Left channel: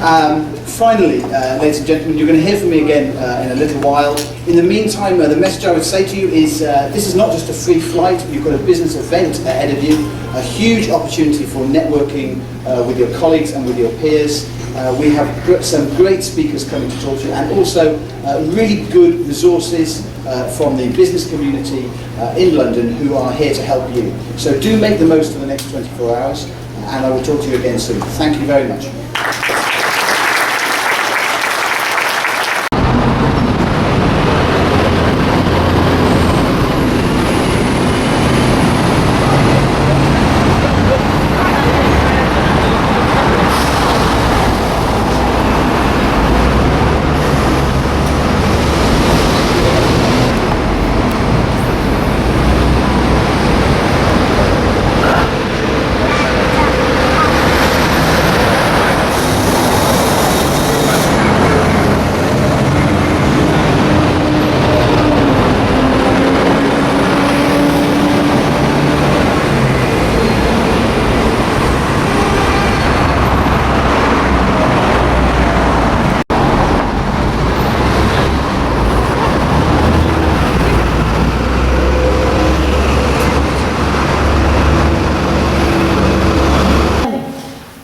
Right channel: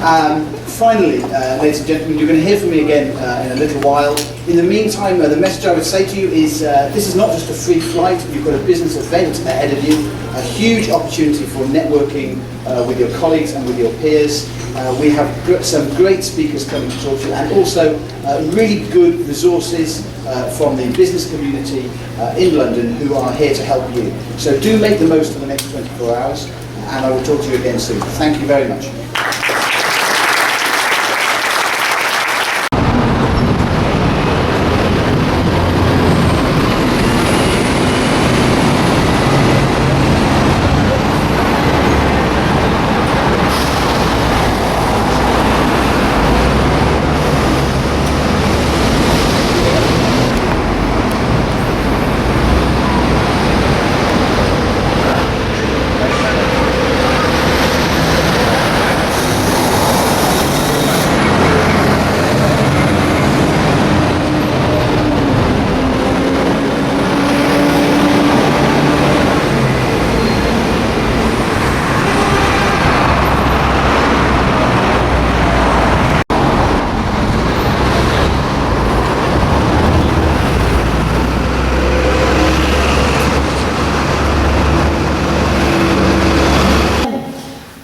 Finally, ladies and gentlemen, you're going to hear from me again in a little while. In the meantime, the message I would say to you is this is not just a free flight. You've got a business event ahead of you, a huge opportunity for networking with your colleagues and with your peers. We have some great speakers coming to talk to you, and also really good resources from the business community in London who are here to help you. So do make the most of the next 24 hours, and I will talk to you again soon. Thank you very much.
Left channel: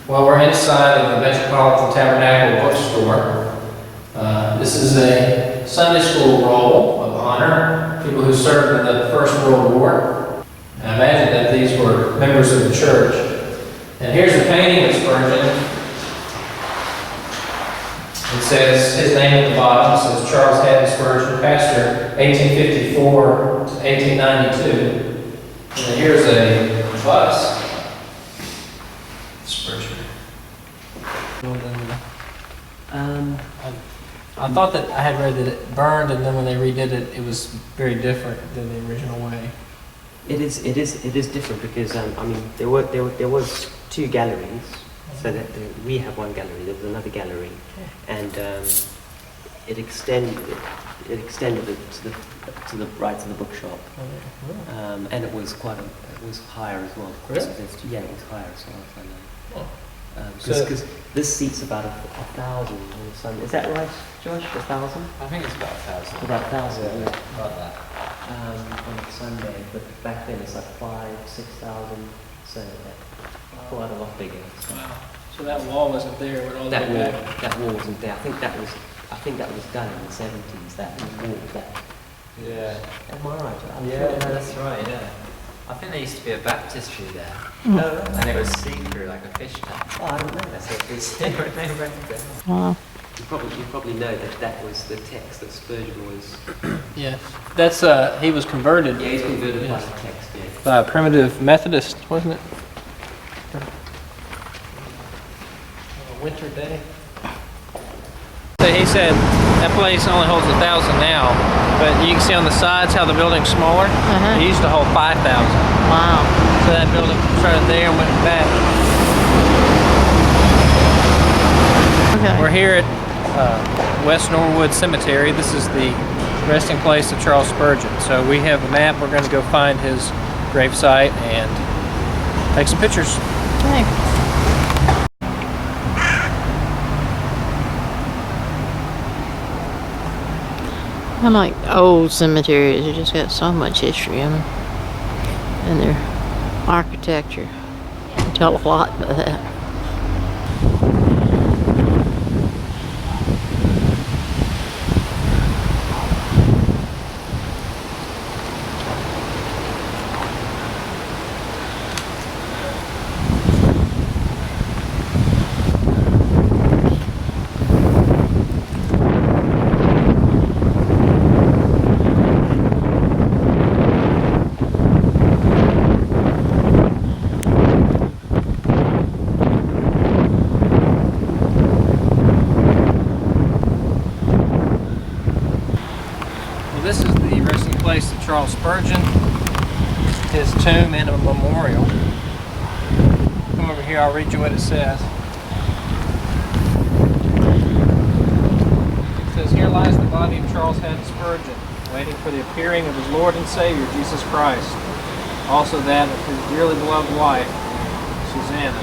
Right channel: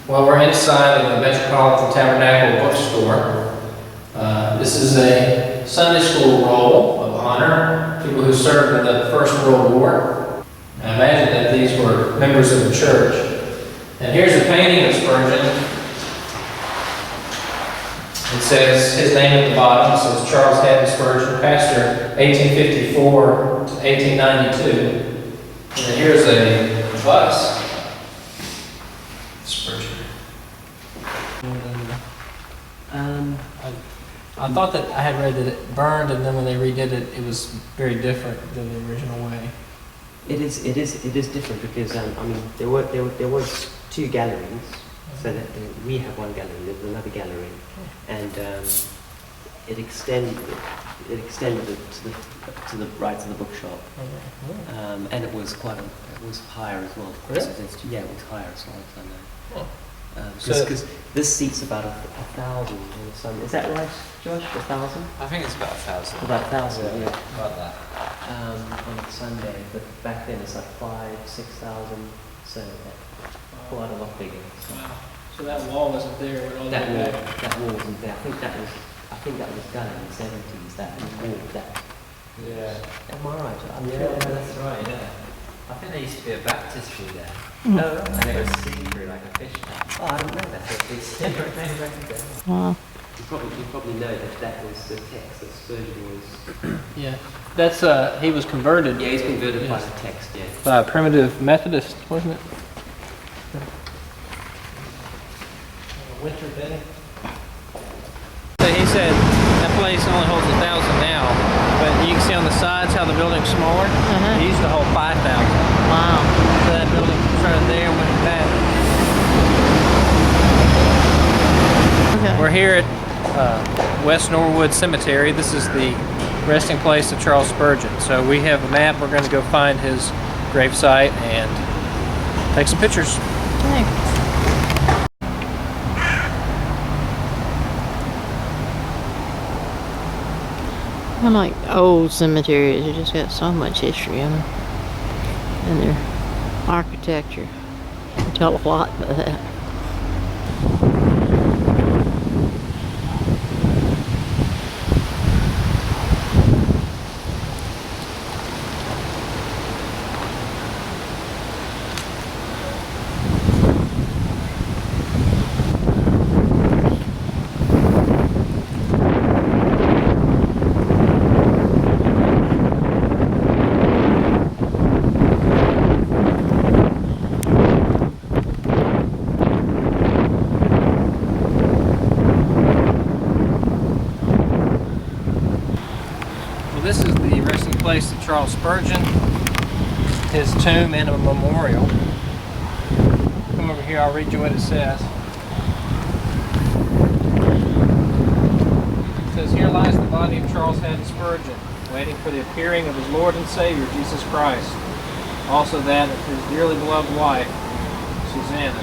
Well, we're inside of the Metropolitan Tabernacle Bookstore. This is a Sunday school roll of honor, people who served in the First World War. I imagine that these were members of the church. And here's a painting of Spurgeon. It says his name at the bottom. It says Charles Haddon Spurgeon, pastor, 1854 to 1892. And then here's a bust. Spurgeon. I thought that I had read that it burned, and then when they redid it, it was very different than the original way. It is different because I mean there was two galleries, so that we have one gallery. There was another gallery, and it extended it to the right to the bookshop, and it was it was higher as well. Of course, Really? yeah, it was higher as well as I know. Oh. Because this seats about 1,000 on a Sunday. Is that right, Josh? 1,000? I think it's about 1,000. About 1,000, yeah. About that. On a Sunday, but back then it's like 5,000, 6,000, so quite a lot bigger. So. Wow. So that wall wasn't there when all the way back. That wall wasn't there. I think that was done in the 70s. That wall, that. Yeah. Am I right? Yeah, that's right, yeah. I think there used to be a baptistry there. Oh, right. And it was see-through like a fish tank. Oh, I don't know. That's it. Wow. You probably know that was the text that Spurgeon was. Yeah. That's he was converted. Yeah, he's converted by Yes. the text. Yeah. By a primitive Methodist, wasn't it? On a winter day. So he said that place only holds 1,000 now, but you can see on the sides how the building's smaller. Uh-huh. It used to hold 5,000. Wow. So that building started there and went back. Okay. We're here at West Norwood Cemetery. This is the resting place of Charles Spurgeon. So we have a map. We're going to go find his gravesite and take some pictures. Thanks. I like old cemeteries. They just got so much history in them, and their architecture. You can tell a lot by that. This is the resting place of Charles Spurgeon, his tomb and a memorial. Come over here, I'll read you what it says. It says, "Here lies the body of Charles Haddon Spurgeon, waiting for the appearing of his Lord and Savior, Jesus Christ. Also that of his dearly beloved wife, Susanna."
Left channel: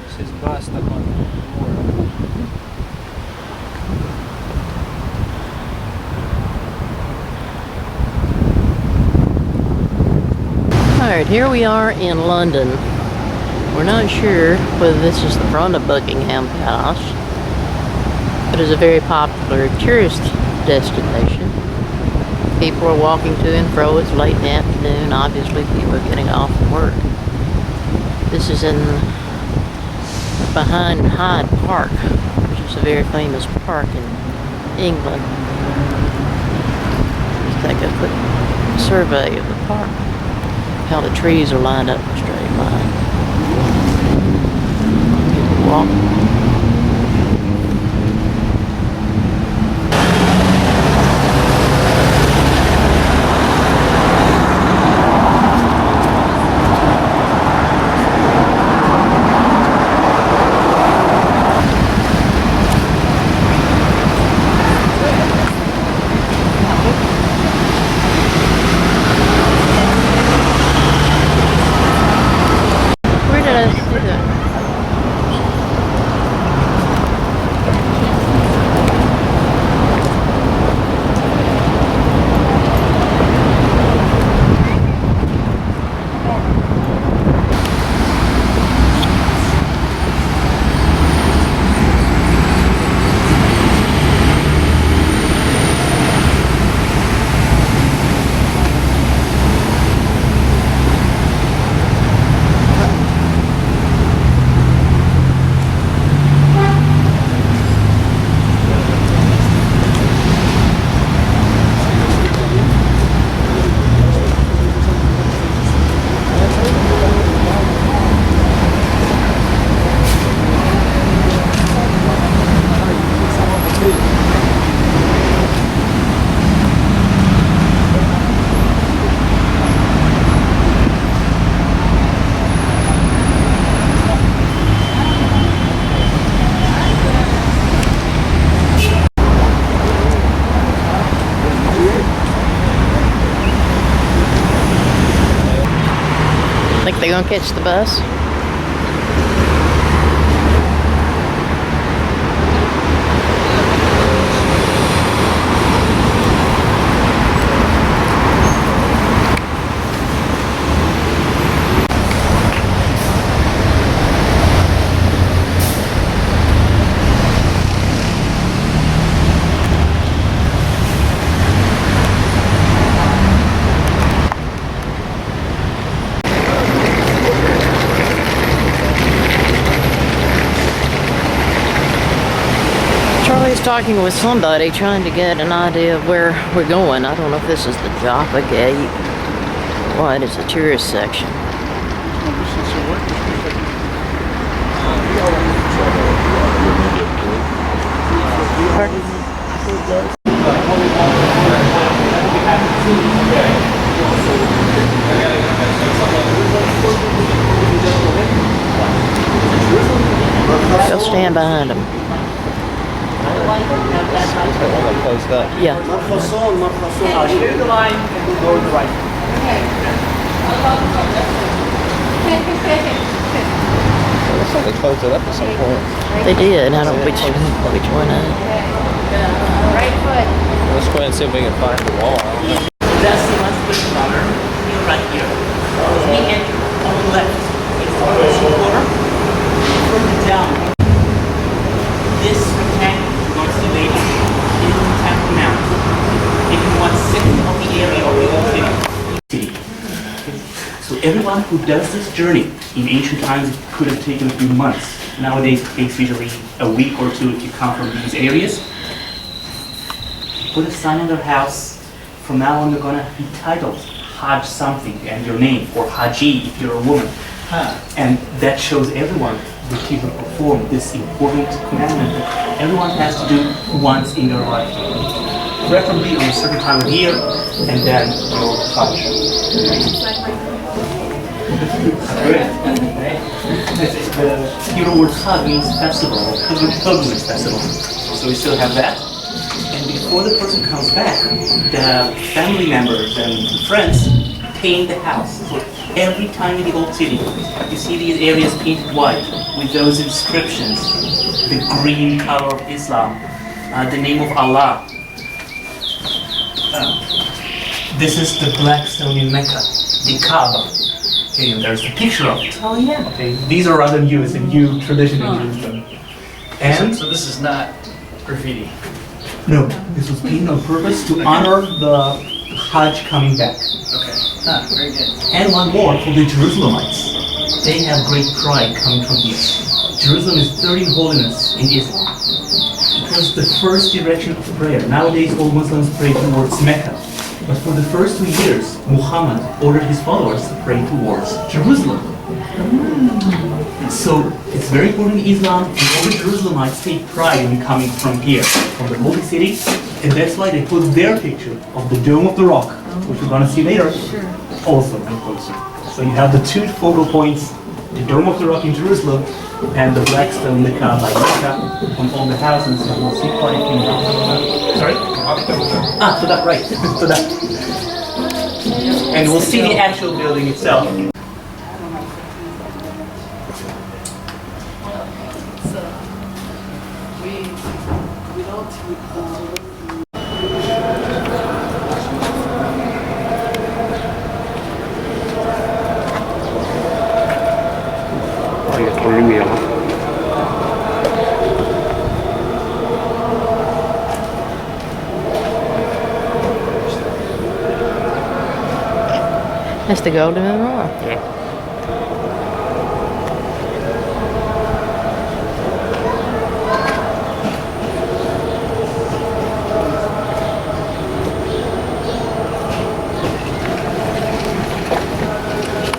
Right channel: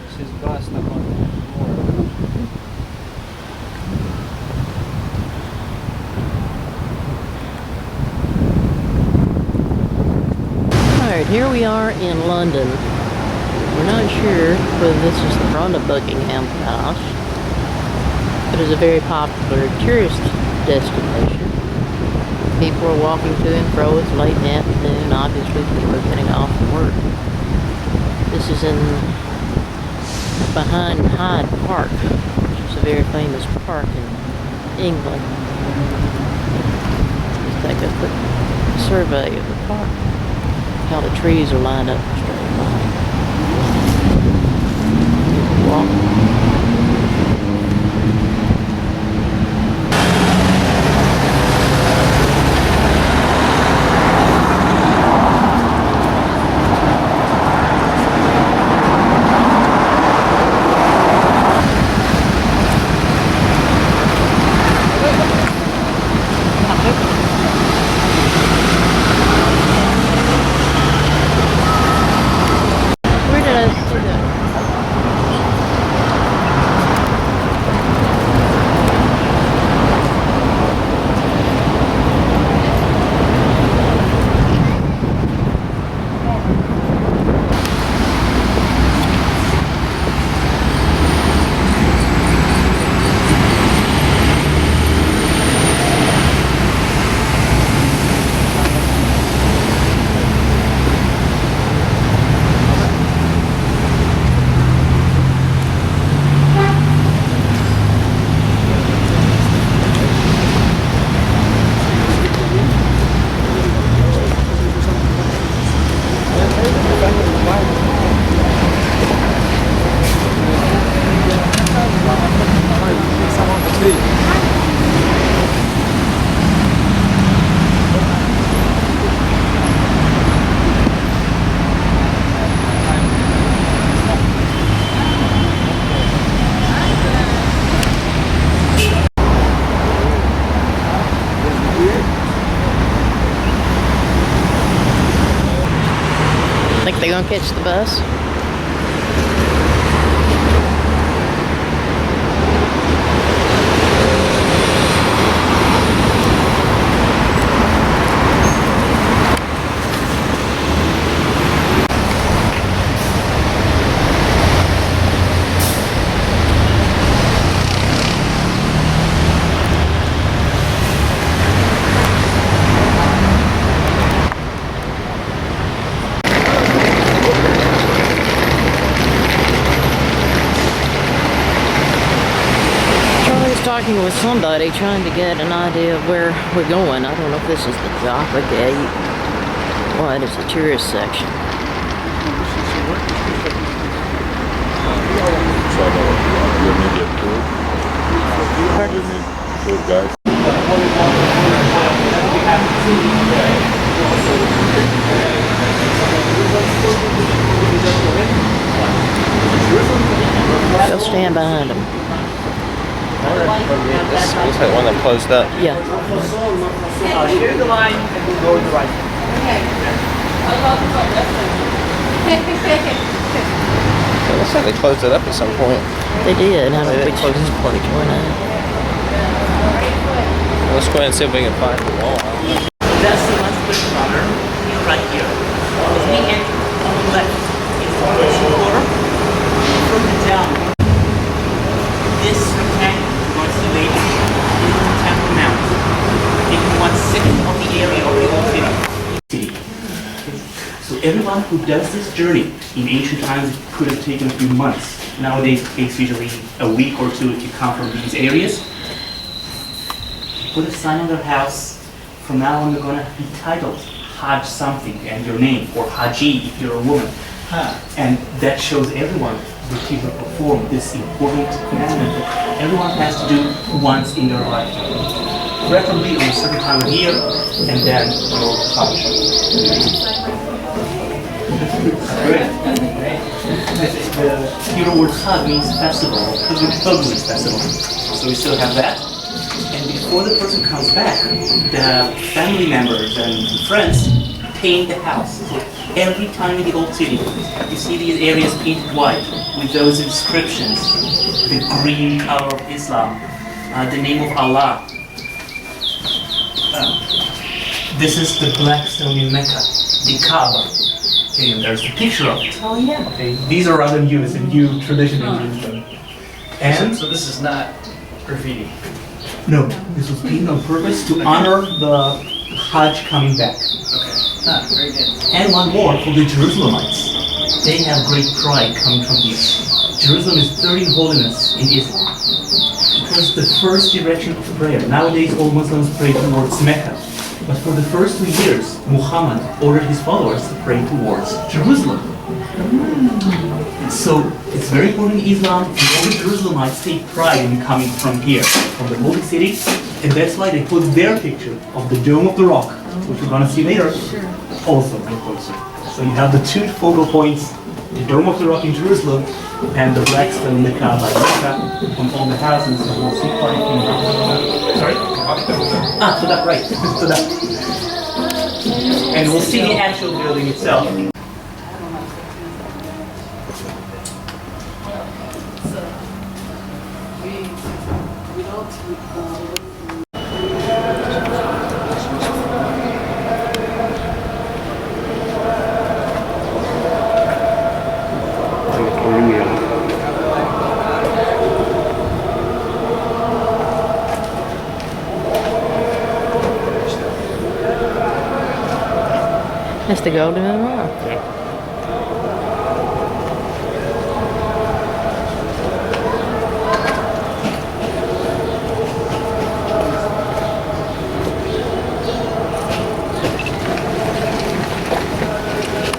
There's his got stuck on the memorial. Alright, here we are in London. We're not sure whether this is the front of Buckingham Palace, but it's a very popular tourist destination. People are walking to and fro. It's late in the afternoon. Obviously, people are getting off from work. This is behind Hyde Park, which is a very famous park in England. Let's take a quick survey of the park. How the trees are lined up in a straight line. People walking. Where did I see that? Think they're gonna catch the bus? Charlie's talking with somebody, trying to get an idea of where we're going. I don't know if this is the Jaffa Gate. What is the tourist section? Go stand behind him. Looks like one that closed up. Yeah. Here's the line, and we'll go to the right. It looks like they closed it up at some point. They did. I don't know which one. Let's go ahead and see if we can find the wall. That's the one split corner, here, right here. As we enter on the left, it's the first corner, further down. This rectangle belongs to the lady. It is the Temple Mount. It is 1/6 of the area of the old city. So everyone who does this journey, in ancient times it could have taken a few months. Nowadays it takes usually a week or two if you come from these areas. Put a sign on their house. From now on, you're gonna be titled Hajj something and your name, or Haji if you're a woman. And that shows everyone that you will perform this important commandment that everyone has to do once in their lifetime. Preferably on a certain time of year, and then your Hajj. The Hebrew word Hajj means festival, pilgrimage festival. So we still have that. And before the person comes back, the family members and friends paint the house. So every time in the old city, you see these areas painted white with those inscriptions, the green color of Islam, the name of Allah. This is the black stone in Mecca, the Kaaba. Okay, and there's a picture of it. Oh, yeah. Okay, these are rather new, it's a new tradition in Jerusalem. And So this is not graffiti. no, this was painted on purpose to honor the Hajj coming back. Okay. Very good. And one more for the Jerusalemites. They have great pride coming from here. Jerusalem is third in holiness in Islam. It was the first direction of prayer. Nowadays, all Muslims pray towards Mecca. But for the first 2 years, Muhammad ordered his followers to pray towards Jerusalem. So it's very important in Islam, and all the Jerusalemites take pride in coming from here, from the holy city, and that's why they put their picture of the Dome of the Rock, which we're gonna see later, also in closer. So you have the two focal points, the Dome of the Rock in Jerusalem, and the black stone in Mecca by Mecca on all the houses, and we'll see quite a few. Sorry? To that right, to that. And we'll see the actual building itself. That's the Golden Menorah.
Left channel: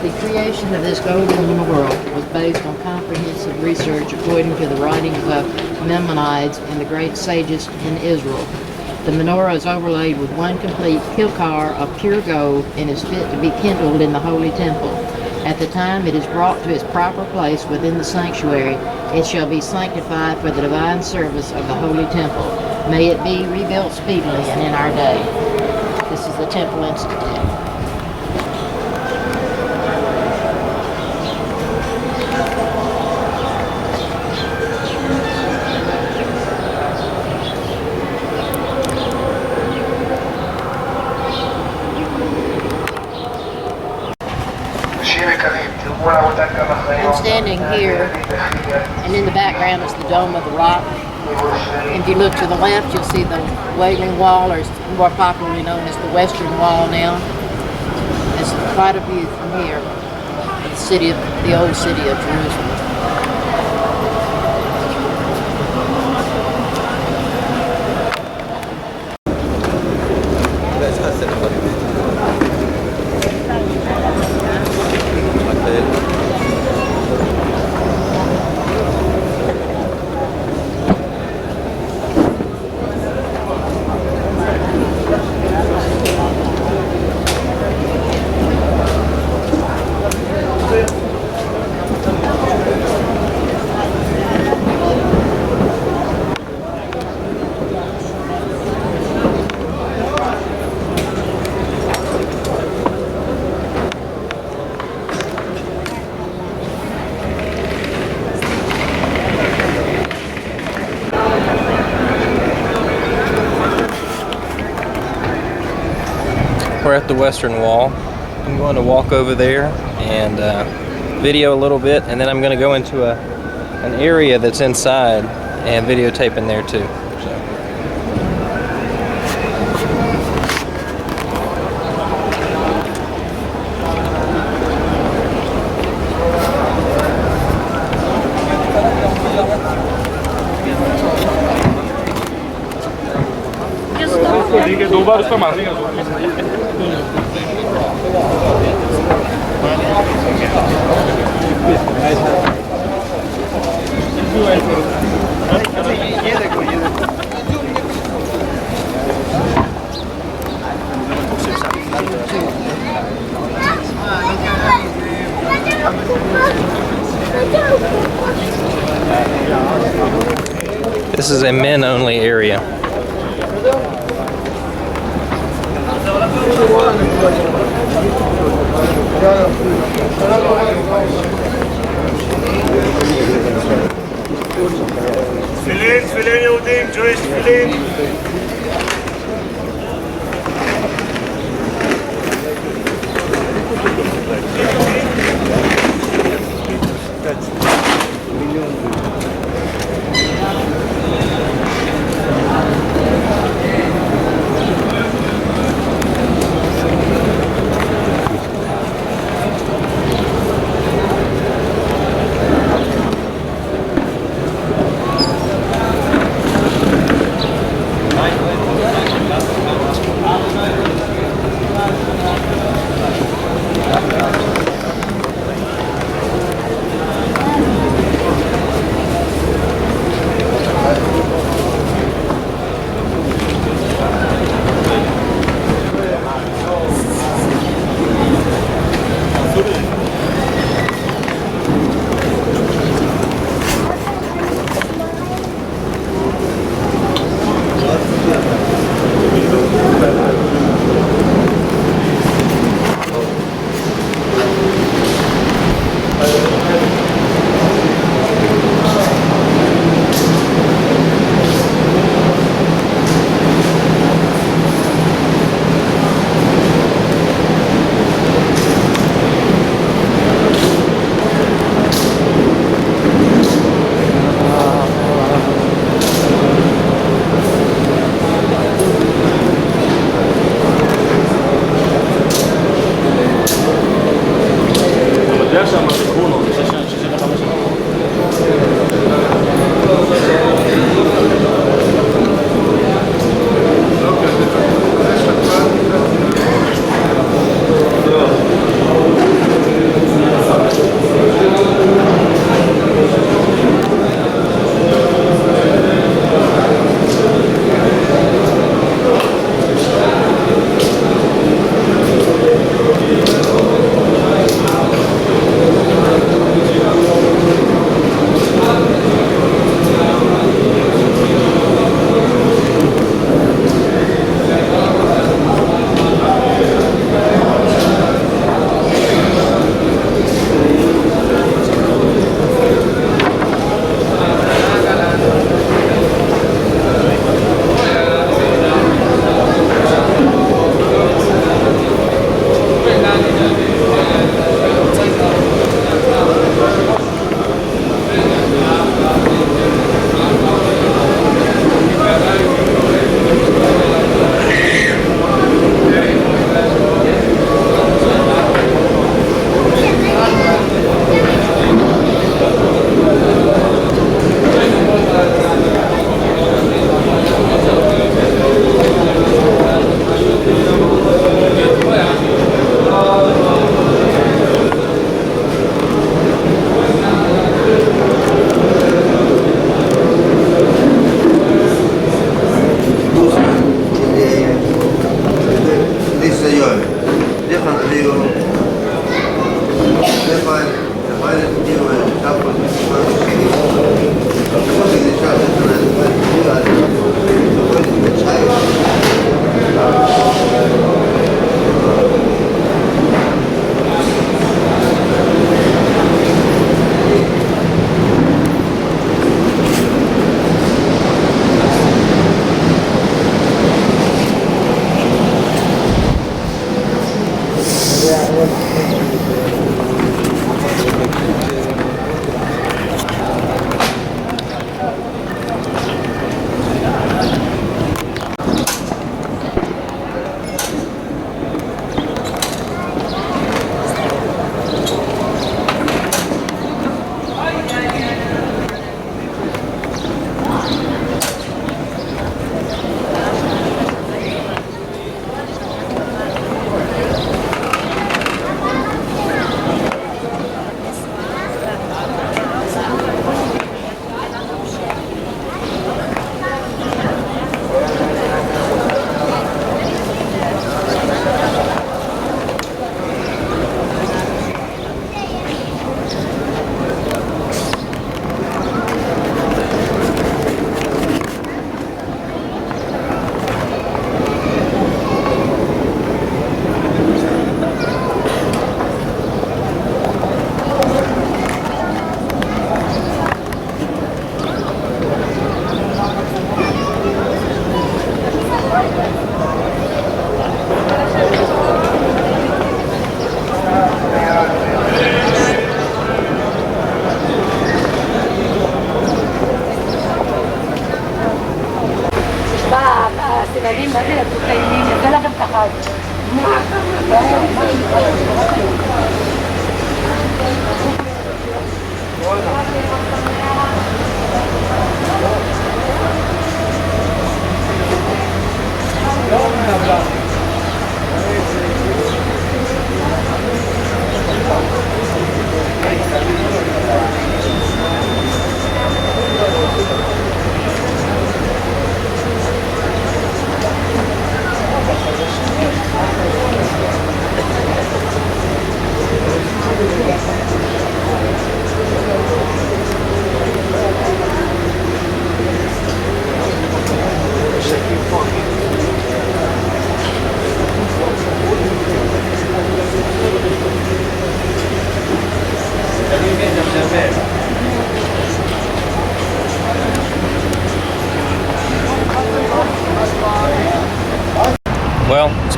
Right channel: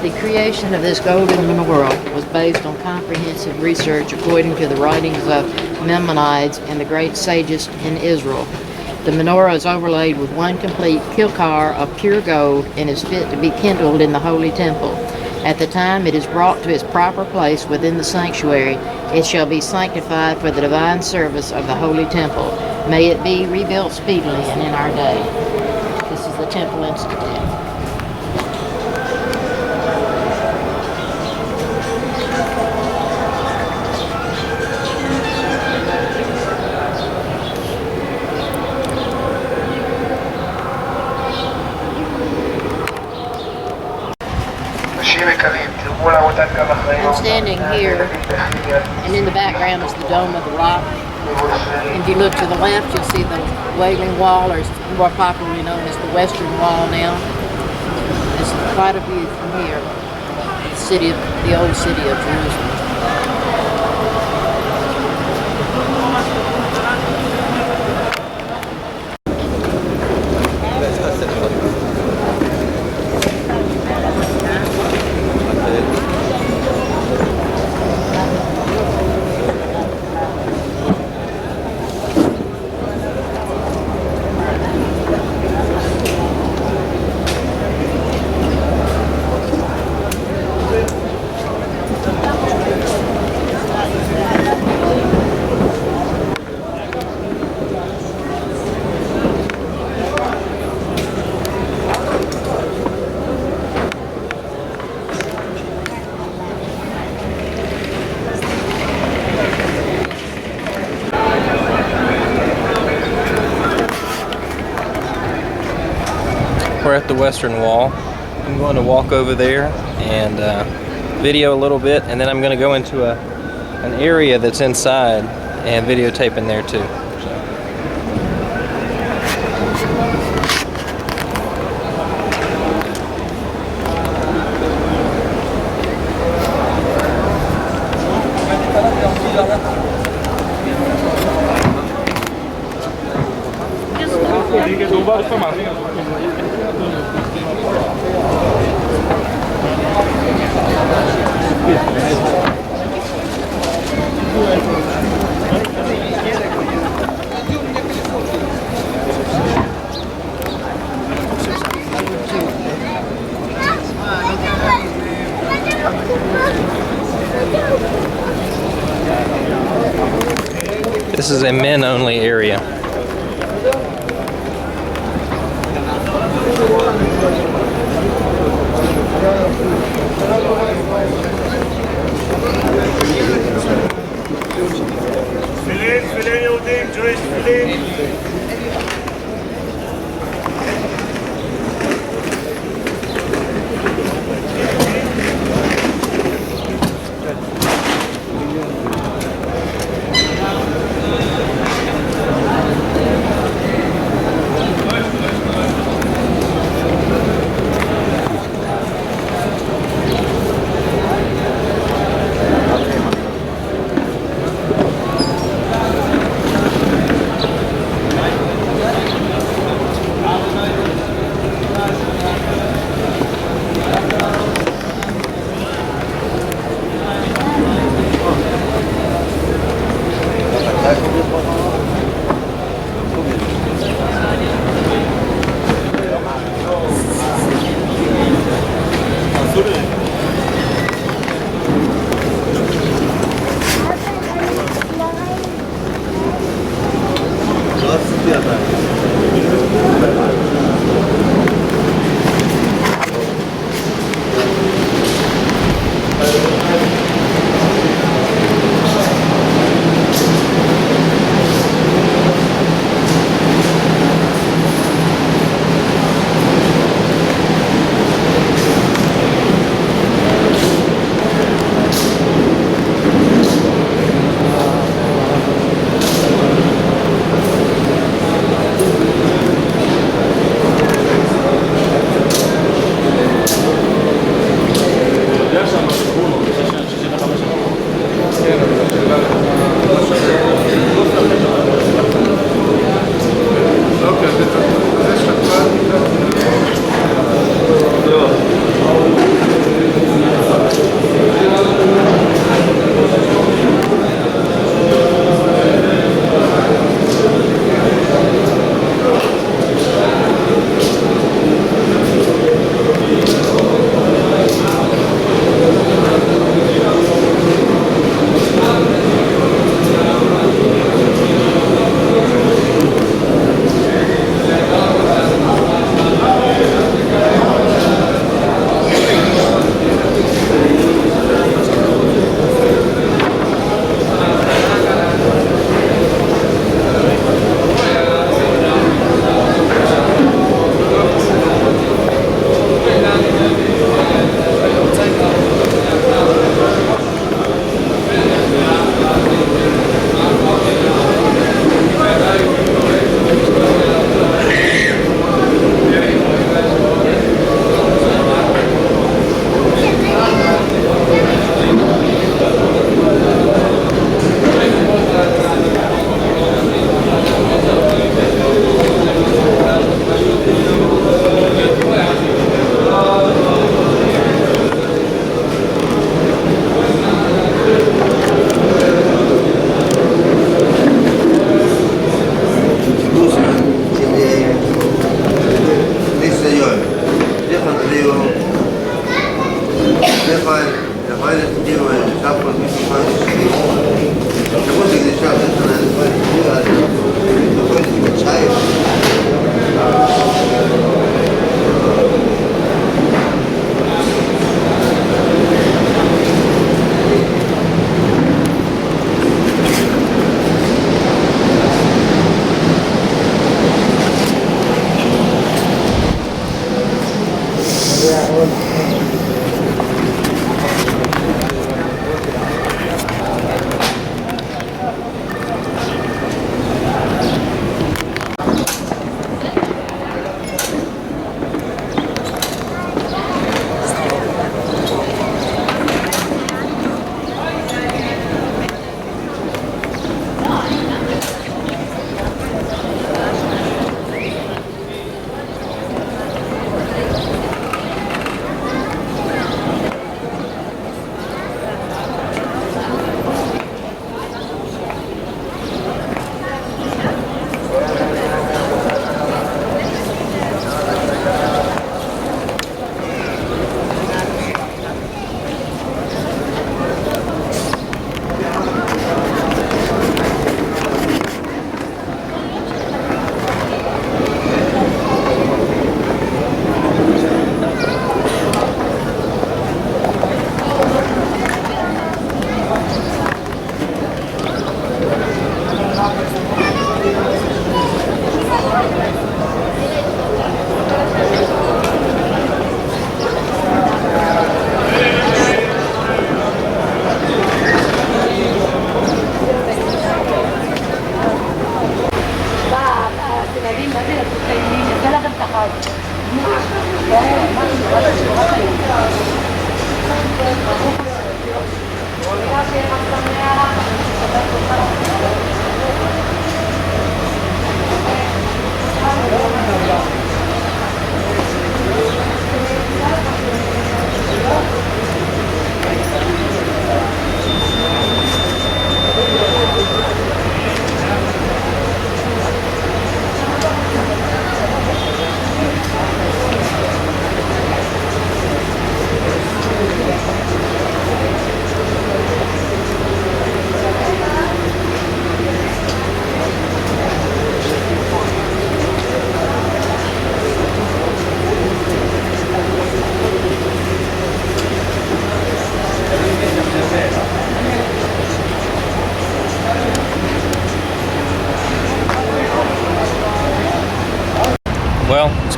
The creation of this golden menorah was based on comprehensive research according to the writings of Maimonides and the great sages in Israel. The menorah is overlaid with one complete kilcar of pure gold and is fit to be kindled in the holy temple. At the time it is brought to its proper place within the sanctuary, it shall be sanctified for the divine service of the holy temple. May it be rebuilt speedily and in our day. This is the Temple Institute. I'm standing here, and in the background is the Dome of the Rock. If you look to the left, you'll see the Wailing Wall, or more popularly known as the Western Wall now. It's quite a view from here, the old city of Jerusalem. We're at the Western Wall. I'm going to walk over there and video a little bit, and then I'm going to go into an area that's inside and videotape in there too. This is a men-only area. תפילין יהודים, Jewish תפילין.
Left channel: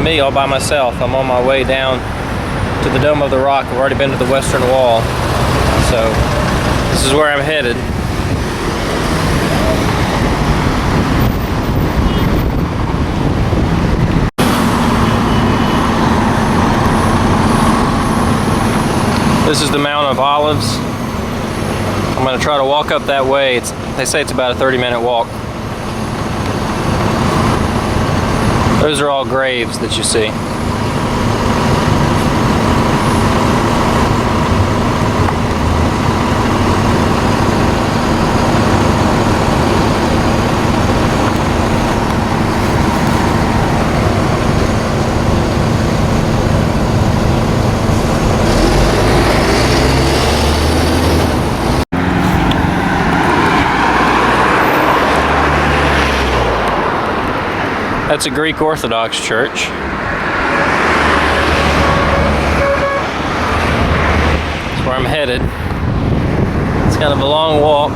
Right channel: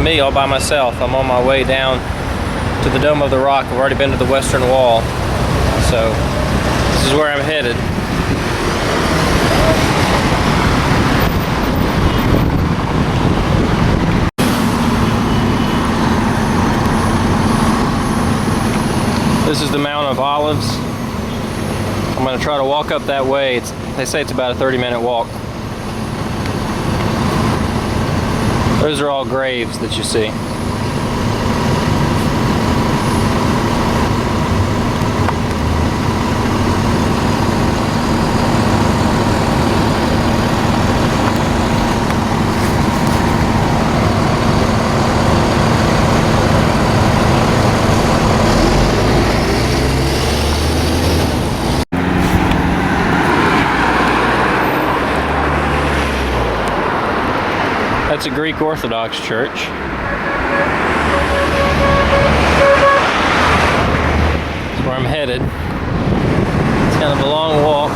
me all by myself. I'm on my way down to the Dome of the Rock. I've already been to the Western Wall, so this is where I'm headed. This is the Mount of Olives. I'm going to try to walk up that way. They say it's about a 30-minute walk. Those are all graves that you see. That's a Greek Orthodox church. That's where I'm headed. It's kind of a long walk.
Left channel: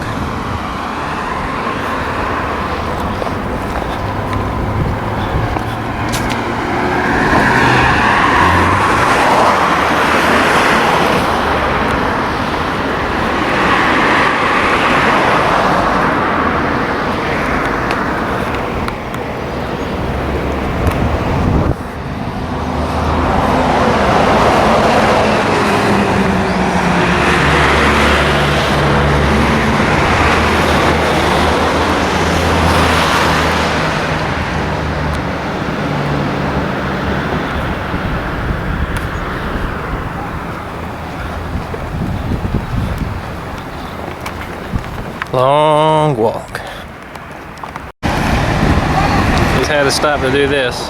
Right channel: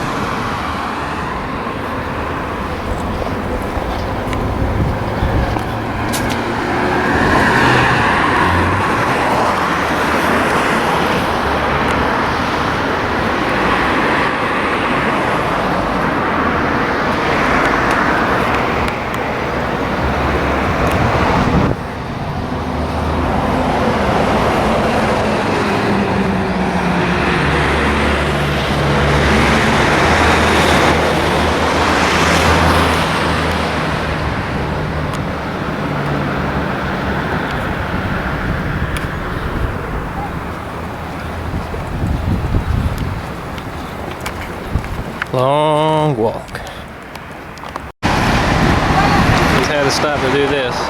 Long walk. Just had to stop to do this.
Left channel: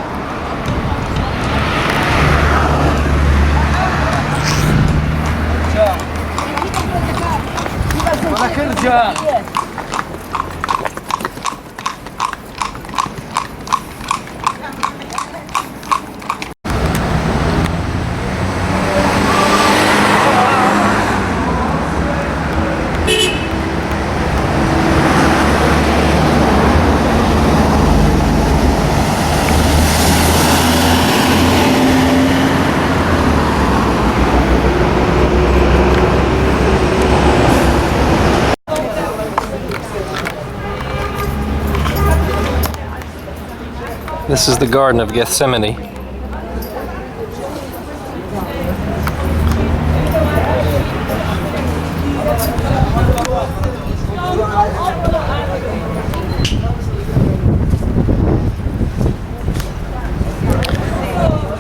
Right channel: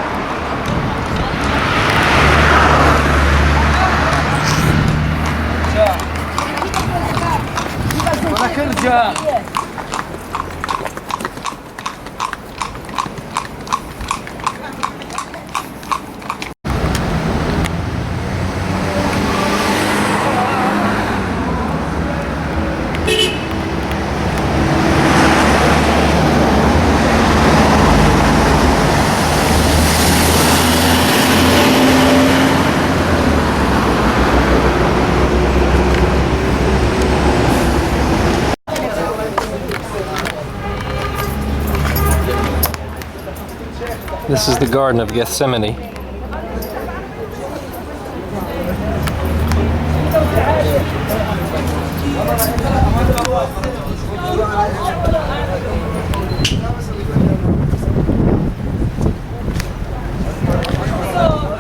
This is the Garden of Gethsemane.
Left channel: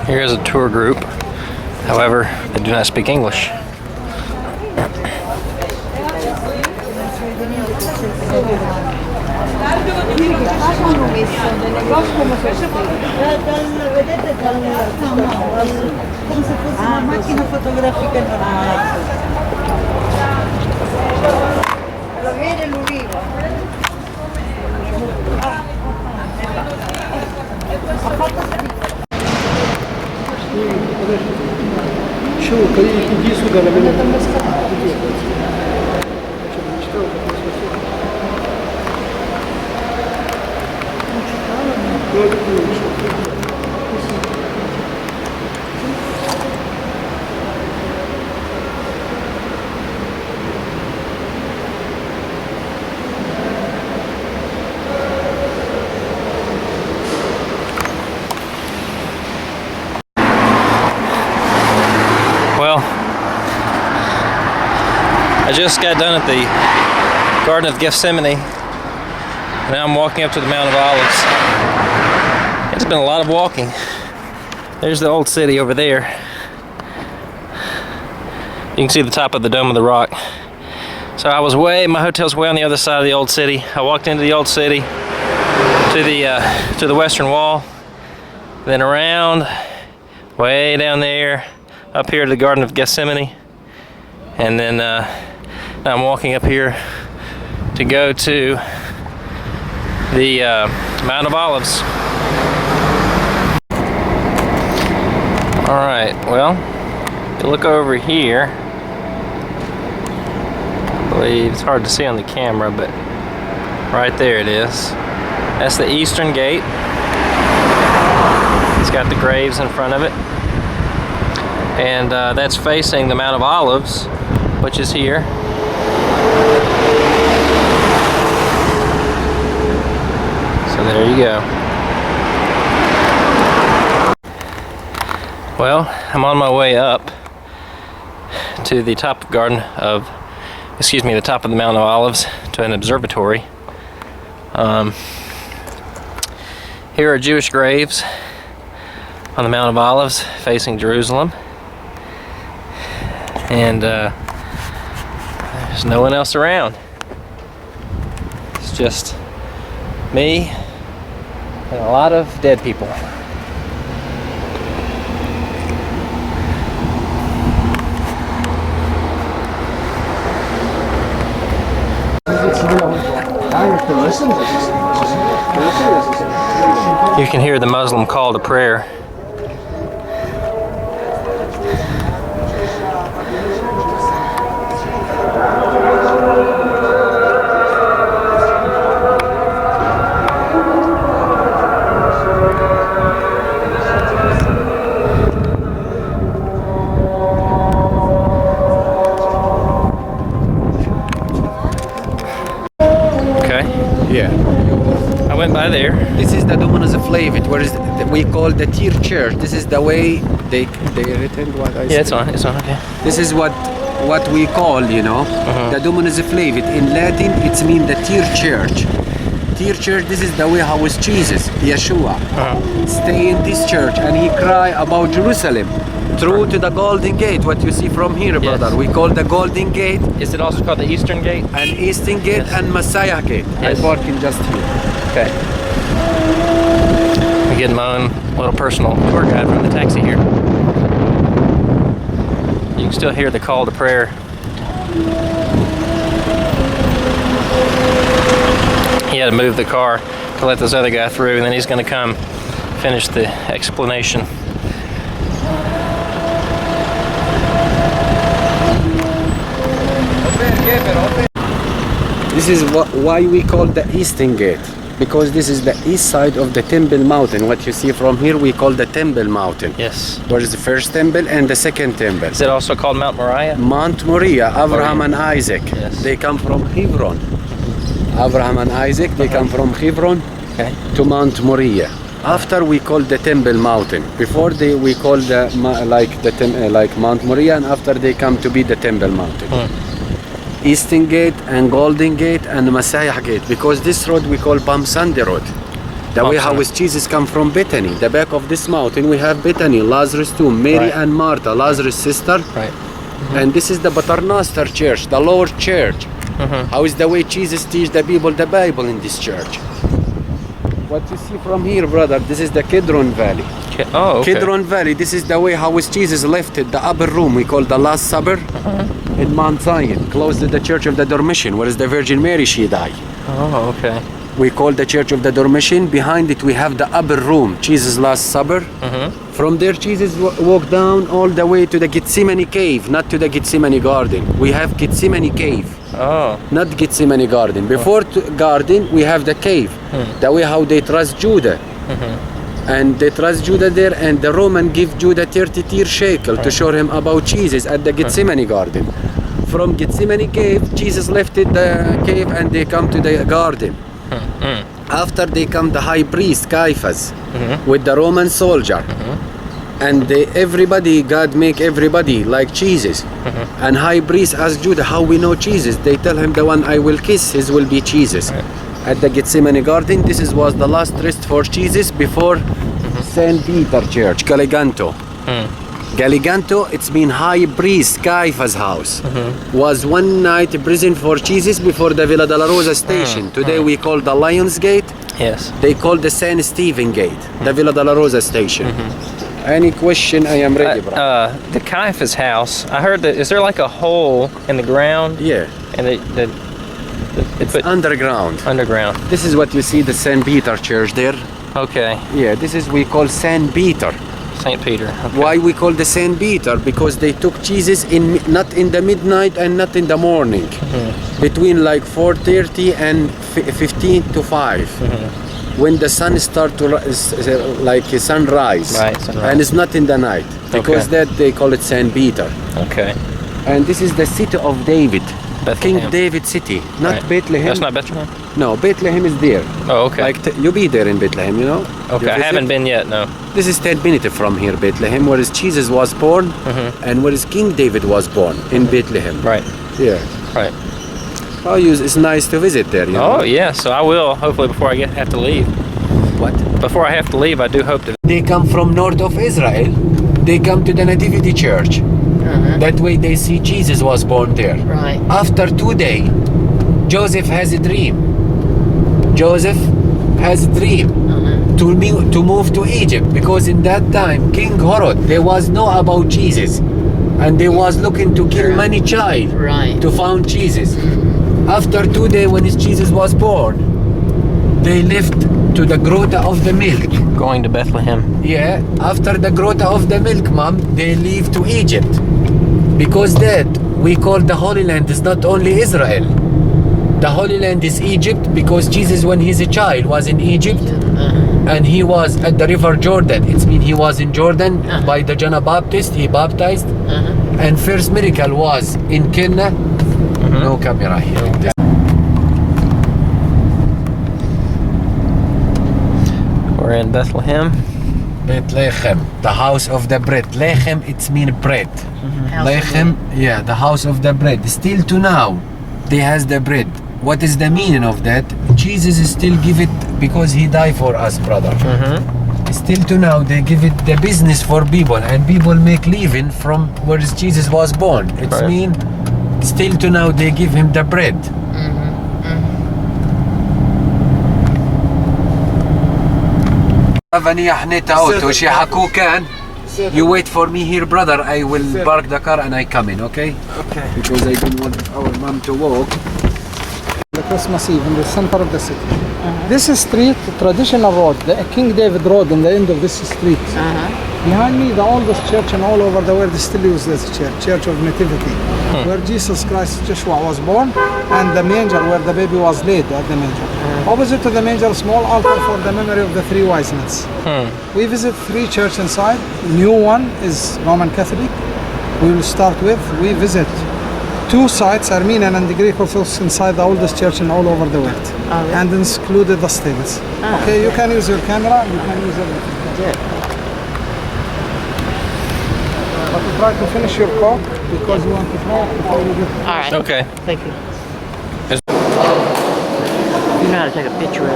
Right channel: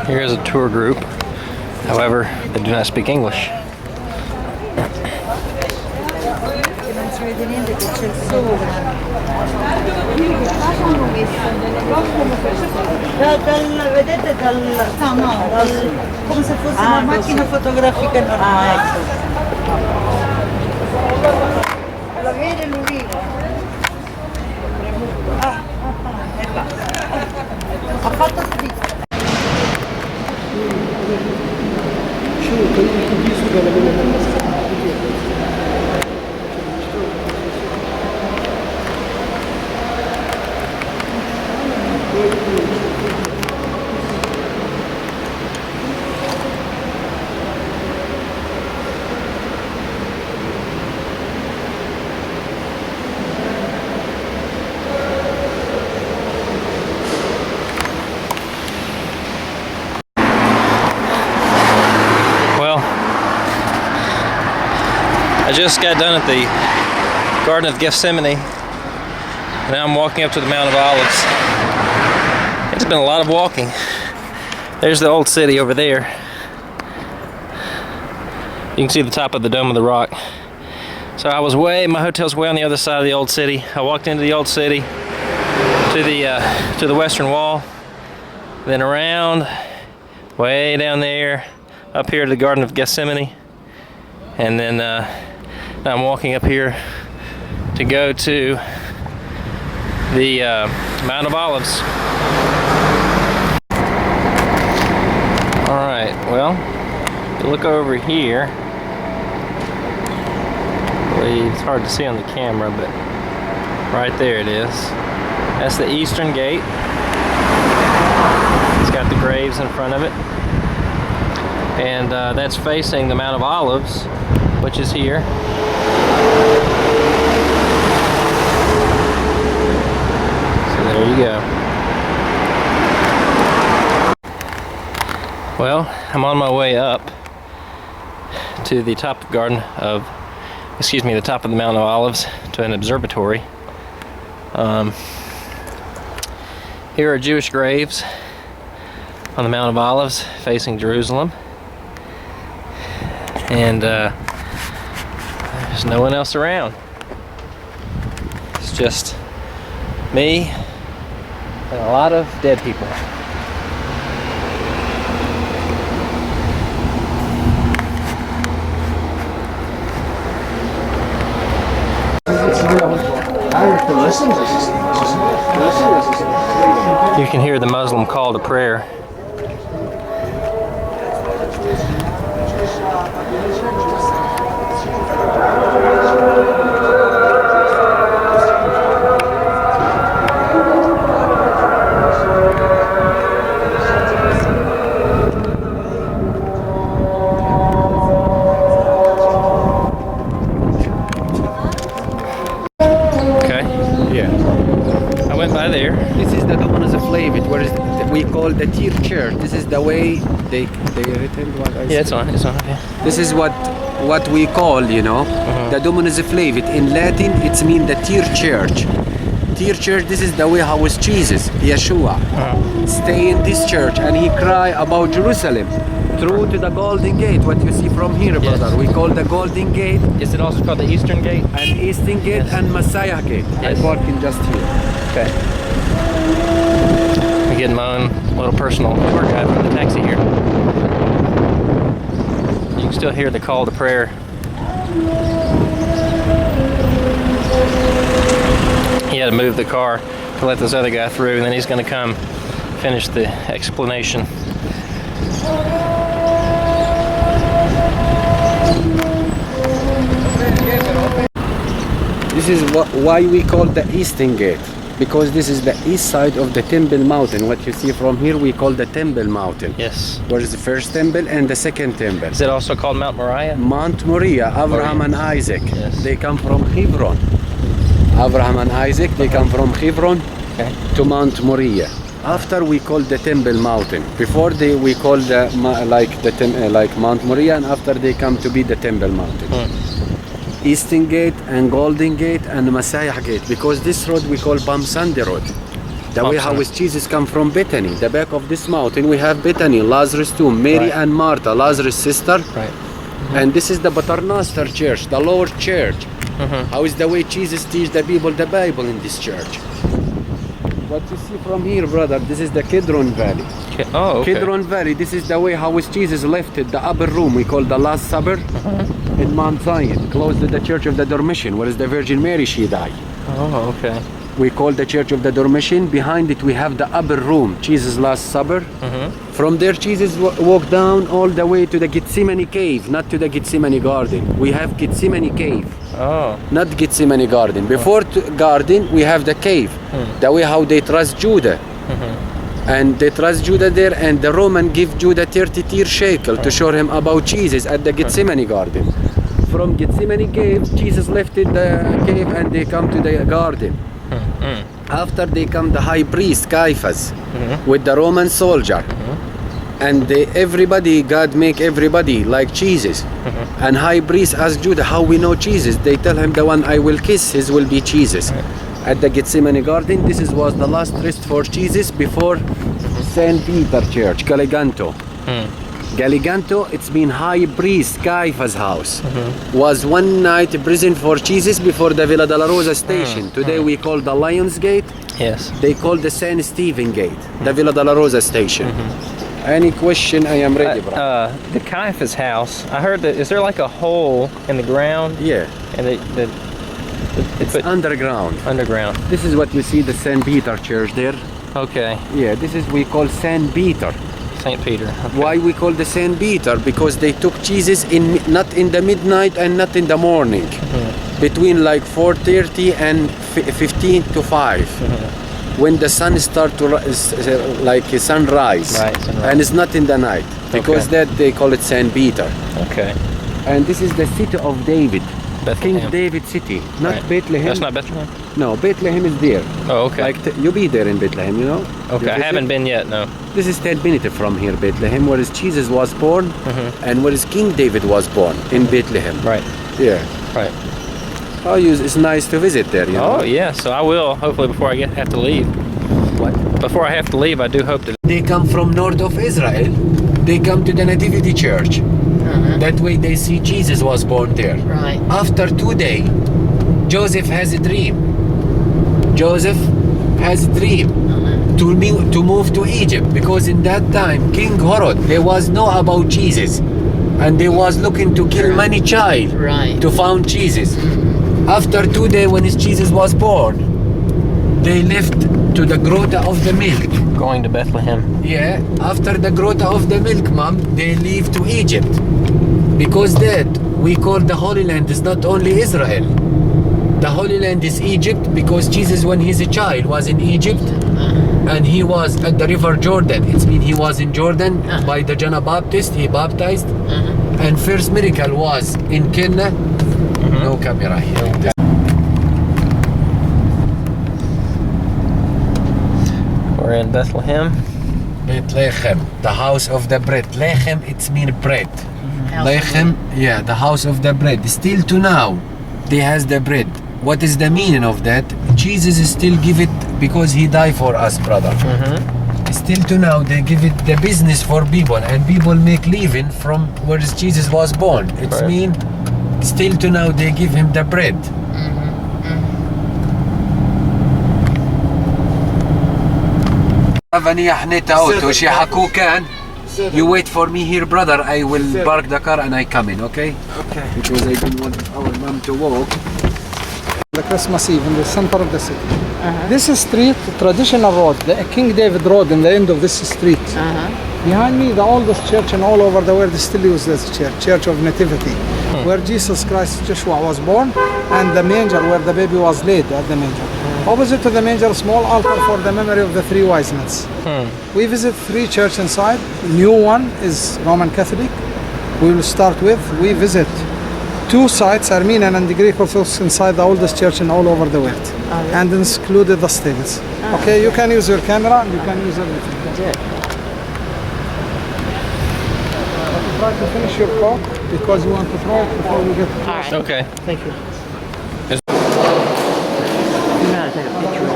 Here is a tour group. However, they do not speak English. Come se fosse una macchina fotografica normale. Lo vede l'ulivo? Ha fatto strizza. Well, I just got done at the Garden of Gethsemane. Now I'm walking up to the Mount of Olives. It's been a lot of walking. There's the old city over there. You can see the top of the Dome of the Rock. So I was my hotel's way on the other side of the old city. I walked into the old city to the Western Wall, then around, way down there, up here to the Garden of Gethsemane, and then now I'm walking up here to go to the Mount of Olives. Alright, well, if you look over here, I believe it's hard to see on the camera, but right there it is. That's the Eastern Gate. It's got the graves in front of it. And that's facing the Mount of Olives, which is here. So there you go. Well, I'm on my way up to the top of the top of the Mount of Olives to an observatory. Here are Jewish graves on the Mount of Olives facing Jerusalem. And there's no one else around. It's just me and a lot of dead people. You can hear the Muslim call to prayer. I went by there. This is the Dominus Flavit, where we call the Tier Church. This is the way they written what I said. It's on, okay. This is what we call, the Dominus Flavit. In Latin, it means the Tier Church. Tier Church, this is the way how is Jesus, Yeshua, stay in this church and he cry about Jerusalem. Through to the Golden Gate, what you see from here, brother. We call the Golden Gate. Is it also called the Eastern Gate? And Eastern Gate and Messiah Gate. Yes. I'm working just here. Okay. I'm getting my own little personal tour guide from the taxi here. You can still hear the call to prayer. He had to move the car to let this other guy through, and then he's going to come finish the explanation. This is why we call the Eastern Gate, because this is the east side of the Temple Mountain. What you see from here, we call the Temple Mountain. Yes. Where is the first temple and the second temple. Is it also called Mount Moriah? Mount Moriah, Abraham and Isaac. Yes. They come from Hebron. Abraham and Isaac, they come from Hebron to Mount Moriah. After we call the Temple Mountain. Before we call like Mount Moriah, and after they come to be the Temple Mountain. Eastern Gate and Golden Gate and Messiah Gate, because this road we call Palm Sunday Road. The way how is Jesus come from Bethany. The back of this mountain we have Bethany, Lazarus tomb, Mary and Martha, Lazarus' sister. Right. And this is the Paternoster Church, the Lord Church. How is the way Jesus teach the people the Bible in this church. What you see from here, brother, this is the Kidron Valley. Oh, okay. Kidron Valley, this is the way how is Jesus left it, the upper room we call the Last Supper in Mount Zion, close to the Church of the Dormition, where is the Virgin Mary, she died. Oh, okay. We call the Church of the Dormition. Behind it we have the upper room, Jesus' Last Supper. From there Jesus walked down all the way to the Gethsemane cave, not to the Gethsemane garden. We have Gethsemane cave. Oh. Not Gethsemane garden. Before garden we have the cave. The way how they trust Judah. And they trust Judah there, and the Roman give Judah 30 shekel to show him about Jesus at the Gethsemane garden. From Gethsemane cave, Jesus left it the cave and they come to the garden. After they come the high priest Caiaphas with the Roman soldier. And everybody, God make everybody like Jesus. And high priest ask Judah, how we know Jesus? They tell him, the one I will kiss, his will be Jesus. At the Gethsemane garden, this was the last rest for Jesus before St. Peter Church, Galliganto. Galliganto, it's been high priest Caiaphas' house. Was one night prison for Jesus before the Villa della Rosa station. Today we call the Lions Gate. Yes. They call the San Stephen Gate, the Villa della Rosa station. Any question, I am ready, bro. The Caiaphas house, I heard that, is there like a hole in the ground? Yeah. And It's underground. Underground. This is what you see, the St. Peter Church there. Okay. Yeah, this is we call St. Peter. St. Peter. Okay. Why we call the St. Peter? Because they took Jesus not in the midnight and not in the morning. Between like 4:30 and 15 to 5. when the sun start to like a sunrise. Right, sunrise. And it's not in the night because Okay. that they call it Saint Peter. Okay. And this is the city of David, Bethlehem. King David city, not Right. Bethlehem. That's not Bethlehem? No, Bethlehem is there. Oh, okay. Like you be there in Bethlehem, you know. Okay, You I visit? haven't been yet, no. This is 10 minutes from here, Bethlehem, where Jesus was born, and where King David was born in Bethlehem. Right, Yeah. right. Oh, it's nice to visit there, you know. Oh, yeah, so I will, hopefully before I have to leave. What? Before I have to leave, I do hope to. They come from north of Israel. They come to the Nativity Church. That way they see Jesus was born there. Right. After 2 days, Joseph has a dream. Joseph has a dream to move to Egypt because in that time, King Herod, there was no about Jesus. And they was looking to kill many child Right. to found Jesus. After 2 days when his Jesus was born, they left to the Grota of the Milk. Going to Bethlehem. Yeah, after the Grota of the Milk, mom, they leave to Egypt. Because that we call the Holy Land is not only Israel. The Holy Land is Egypt because Jesus, when he's a child, was in Egypt and he was at the River Jordan. It means he was in Jordan by the John the Baptist. He baptized. And first miracle was in Cana. No camera here. We're in Bethlehem. Bethlehem, the house of the bread. Lechem, it's mean bread. House of Lechem, yeah, the house of the bread. Still to now, they has the bread. What is the meaning of that? Jesus still give it because he died for us, brother. Still to now, they give it the business for people, and people make living from where Jesus was born. It's Right. mean, still to now, they give him the bread. You wait for me here, brother. I will park the car and I come in, okay? Okay. Because I don't want our mom to walk. The Christmas Eve in the center of the city. This street, traditional road, the King David Road, in the end of this street. Behind me, the oldest church in all over the world still uses this church, Church of Nativity, where Jesus Christ Joshua was born, and the manger where the baby was laid at the manger. Opposite to the manger, small altar for the memory of the three wise men. We visit 3 churches inside. New one is Roman Catholic. We will start with. We visit 2 sites, Armenian and the Greek Orthodox, inside the oldest church in all over the world, and included the stables. Okay, you can use your camera. You can use everything. But you try to finish your coke because you want to try it before we get. All right. Okay. Thank you. You know how to take a picture of them.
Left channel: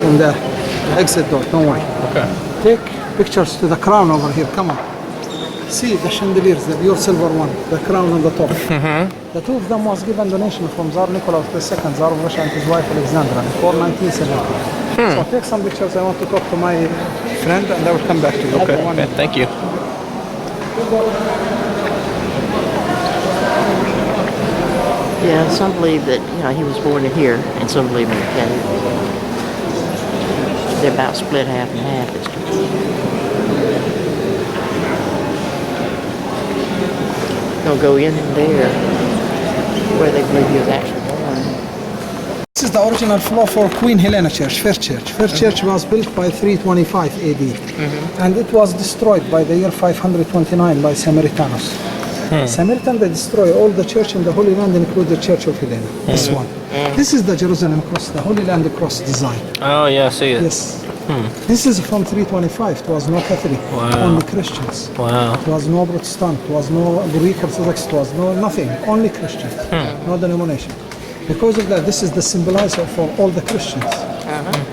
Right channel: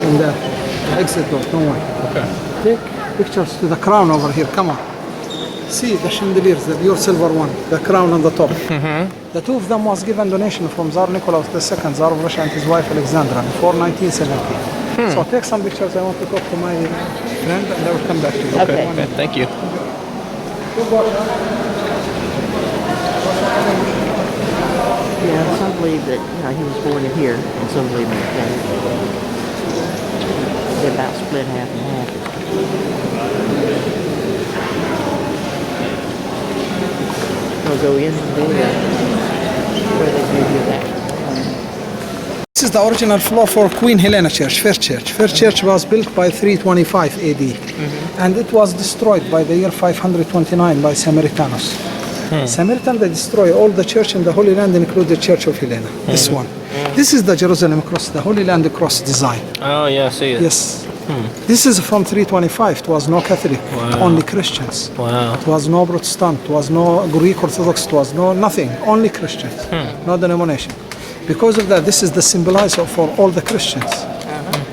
In the exit door, don't worry. Okay. Take pictures to the crown over here, come on. See the chandeliers, the pure silver one, the crown on the top. The 2 of them was given donation from Tsar Nicholas II, Tsar of Russia, and his wife Alexandra before 1970. So take some pictures. I want to talk to my friend and I will come back to you. Okay. One Okay. minute. Thank you. Yeah, some believe that he was born in here, and some believe in Canada. They're about split half and half. They'll go in there where they believe he was actually born. This is the original floor for Queen Helena Church, First Church. First Church was built by 325 AD, and it was destroyed by the year 529 by Samaritans. Samaritan, they destroy all the church in the Holy Land, include the Church of Helena. This one. This is the Jerusalem cross, the Holy Land cross design. Oh, yeah, I see it. Yes. This is from 325. It was no Catholic, only Christians. Wow. It was no Protestant, it was no Greek Orthodox, it was no nothing, only Christians, no denomination. Because of that, this is the symbolizer for all the Christians,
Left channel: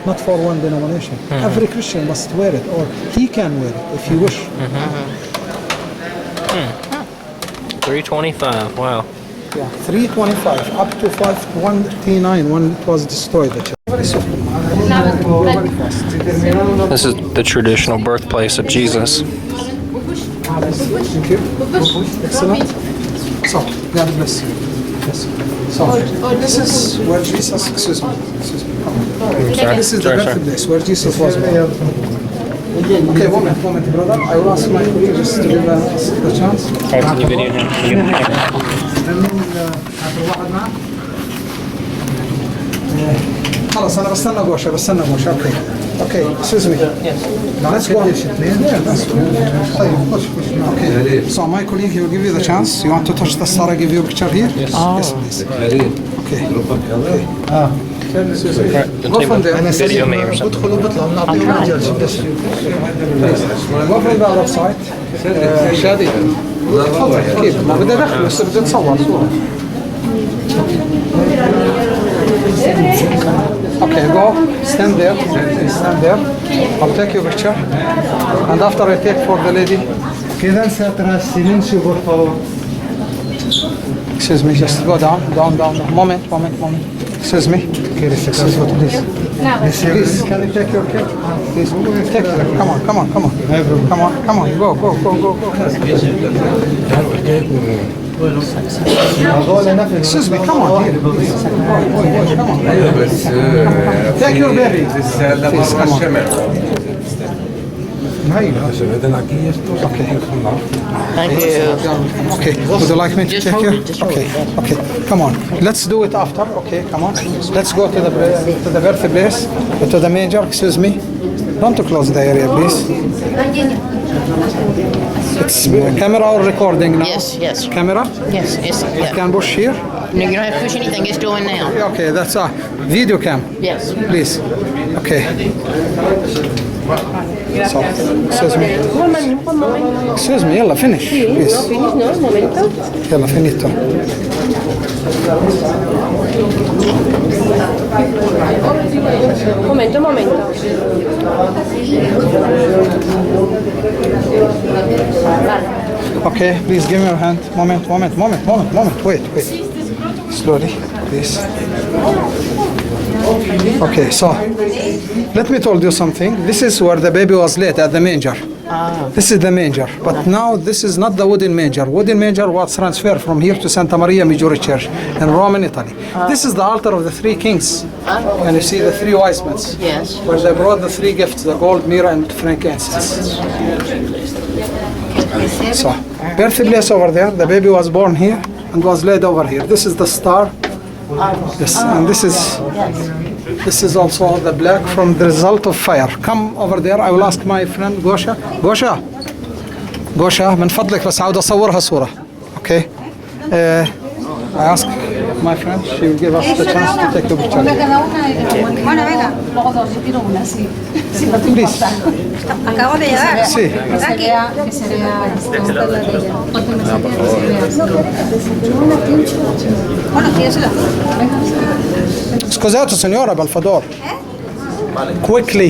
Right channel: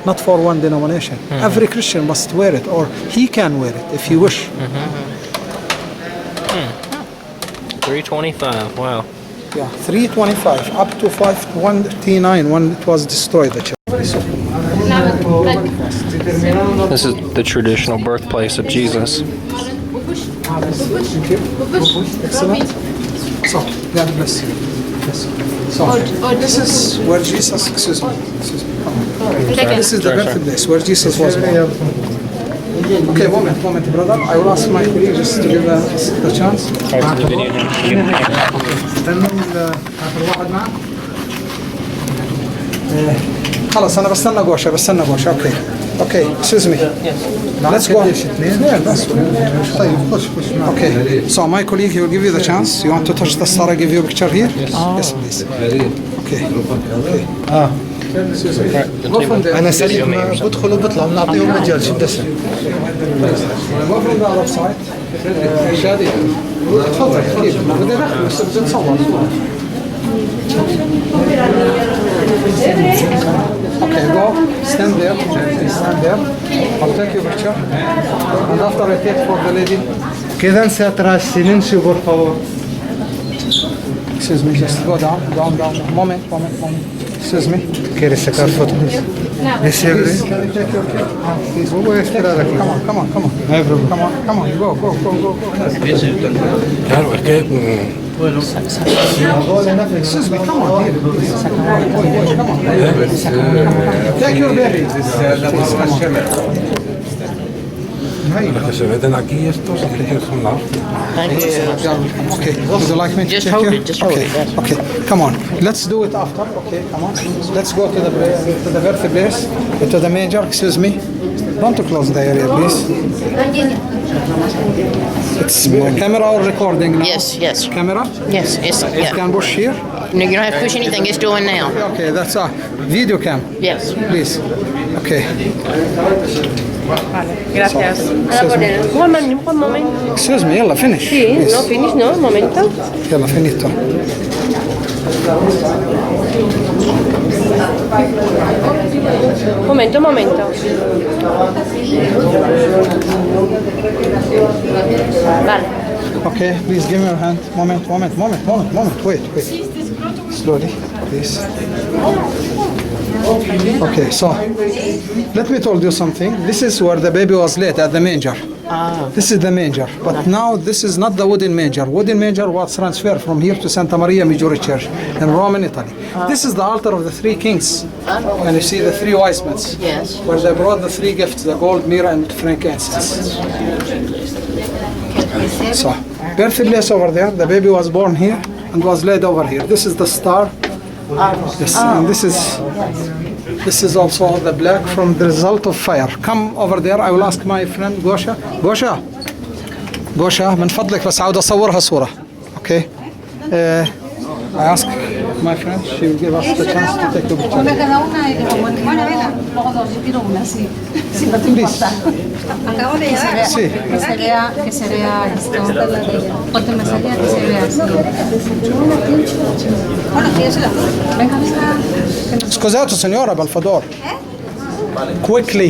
not for one denomination. Every Christian must wear it, or he can wear it if he wish. 325. Wow. Yeah, 325 up to 519 when it was destroyed. The church. This is the traditional birthplace of Jesus. Thank you. Excellent. So, God bless you. Yes. So, this is where Jesus, excuse me. Come on. This is the birthplace where Jesus was born. Okay, moment, brother. I will ask my colleague just to give the chance. خلاص أنا بستنى غوشة أوكي. Okay, excuse me. Let's go. Yeah, that's طيب push. Okay. So my colleague, he will give you the chance. You want to touch the star? I give you a picture here. Yes, please. Okay. Go from there. أنا سليم بدخل وبطلع بنعطيهم مجال شو بدي أسوي؟ Go from the other side. شادي. تفضل كيف؟ بدي أدخل بس بدي نصور صورة. Okay, go. Stand there. I'll take your picture. And after I take for the lady. كذا سأتراسلين شو por Excuse me, just go down. Moment. Excuse me. ¿Quieres sacar foto? Please, can you take your kid? Please, come on. Come on, go. Excuse me, come on here. Come on. Take your baby. Please, come on. Thank you. Okay, would you like me to Just take hold you? it, just hold it. Okay, come on. Let's do it after. Okay, come on. Let's go to the birthplace, to the manger. Excuse me. Don't close the area, please. It's camera or recording now? Yes. Camera? Yes. You can push here. No, you don't have to push anything. It's doing now. Okay, that's a video cam. Yes. Please. Okay. Gracias. Excuse me. Un momento. Excuse me. Yalla, finish. Sí, please. no, finish, no, un momento. Yalla, finito. Un momento. Vale. Okay, please give me your hand. Moment. Wait. Slowly, please. Okay, so let me tell you something. This is where the baby was laid at the manger. This is the manger, but now this is not the wooden manger. Wooden manger was transferred from here to Santa Maria Maggiore Church in Rome, Italy. This is the altar of the three kings, and you see the three wise men. Yes. Where they brought the three gifts: the gold, myrrh, and frankincense. So, birthplace over there. The baby was born here and was laid over here. This is the star. Yes, and this is also the black from the result of fire. Come over there. I will ask my friend Gosha من فضلك بس عاود أصورها صورة. Okay. I ask my friend. She will give us the chance to take a picture. Please. Acabo de llegar. Sí. Que se vea esto. Porque me salía que se vea así. Bueno, tíresela. Venga. Scusato signora, per favore. Quickly.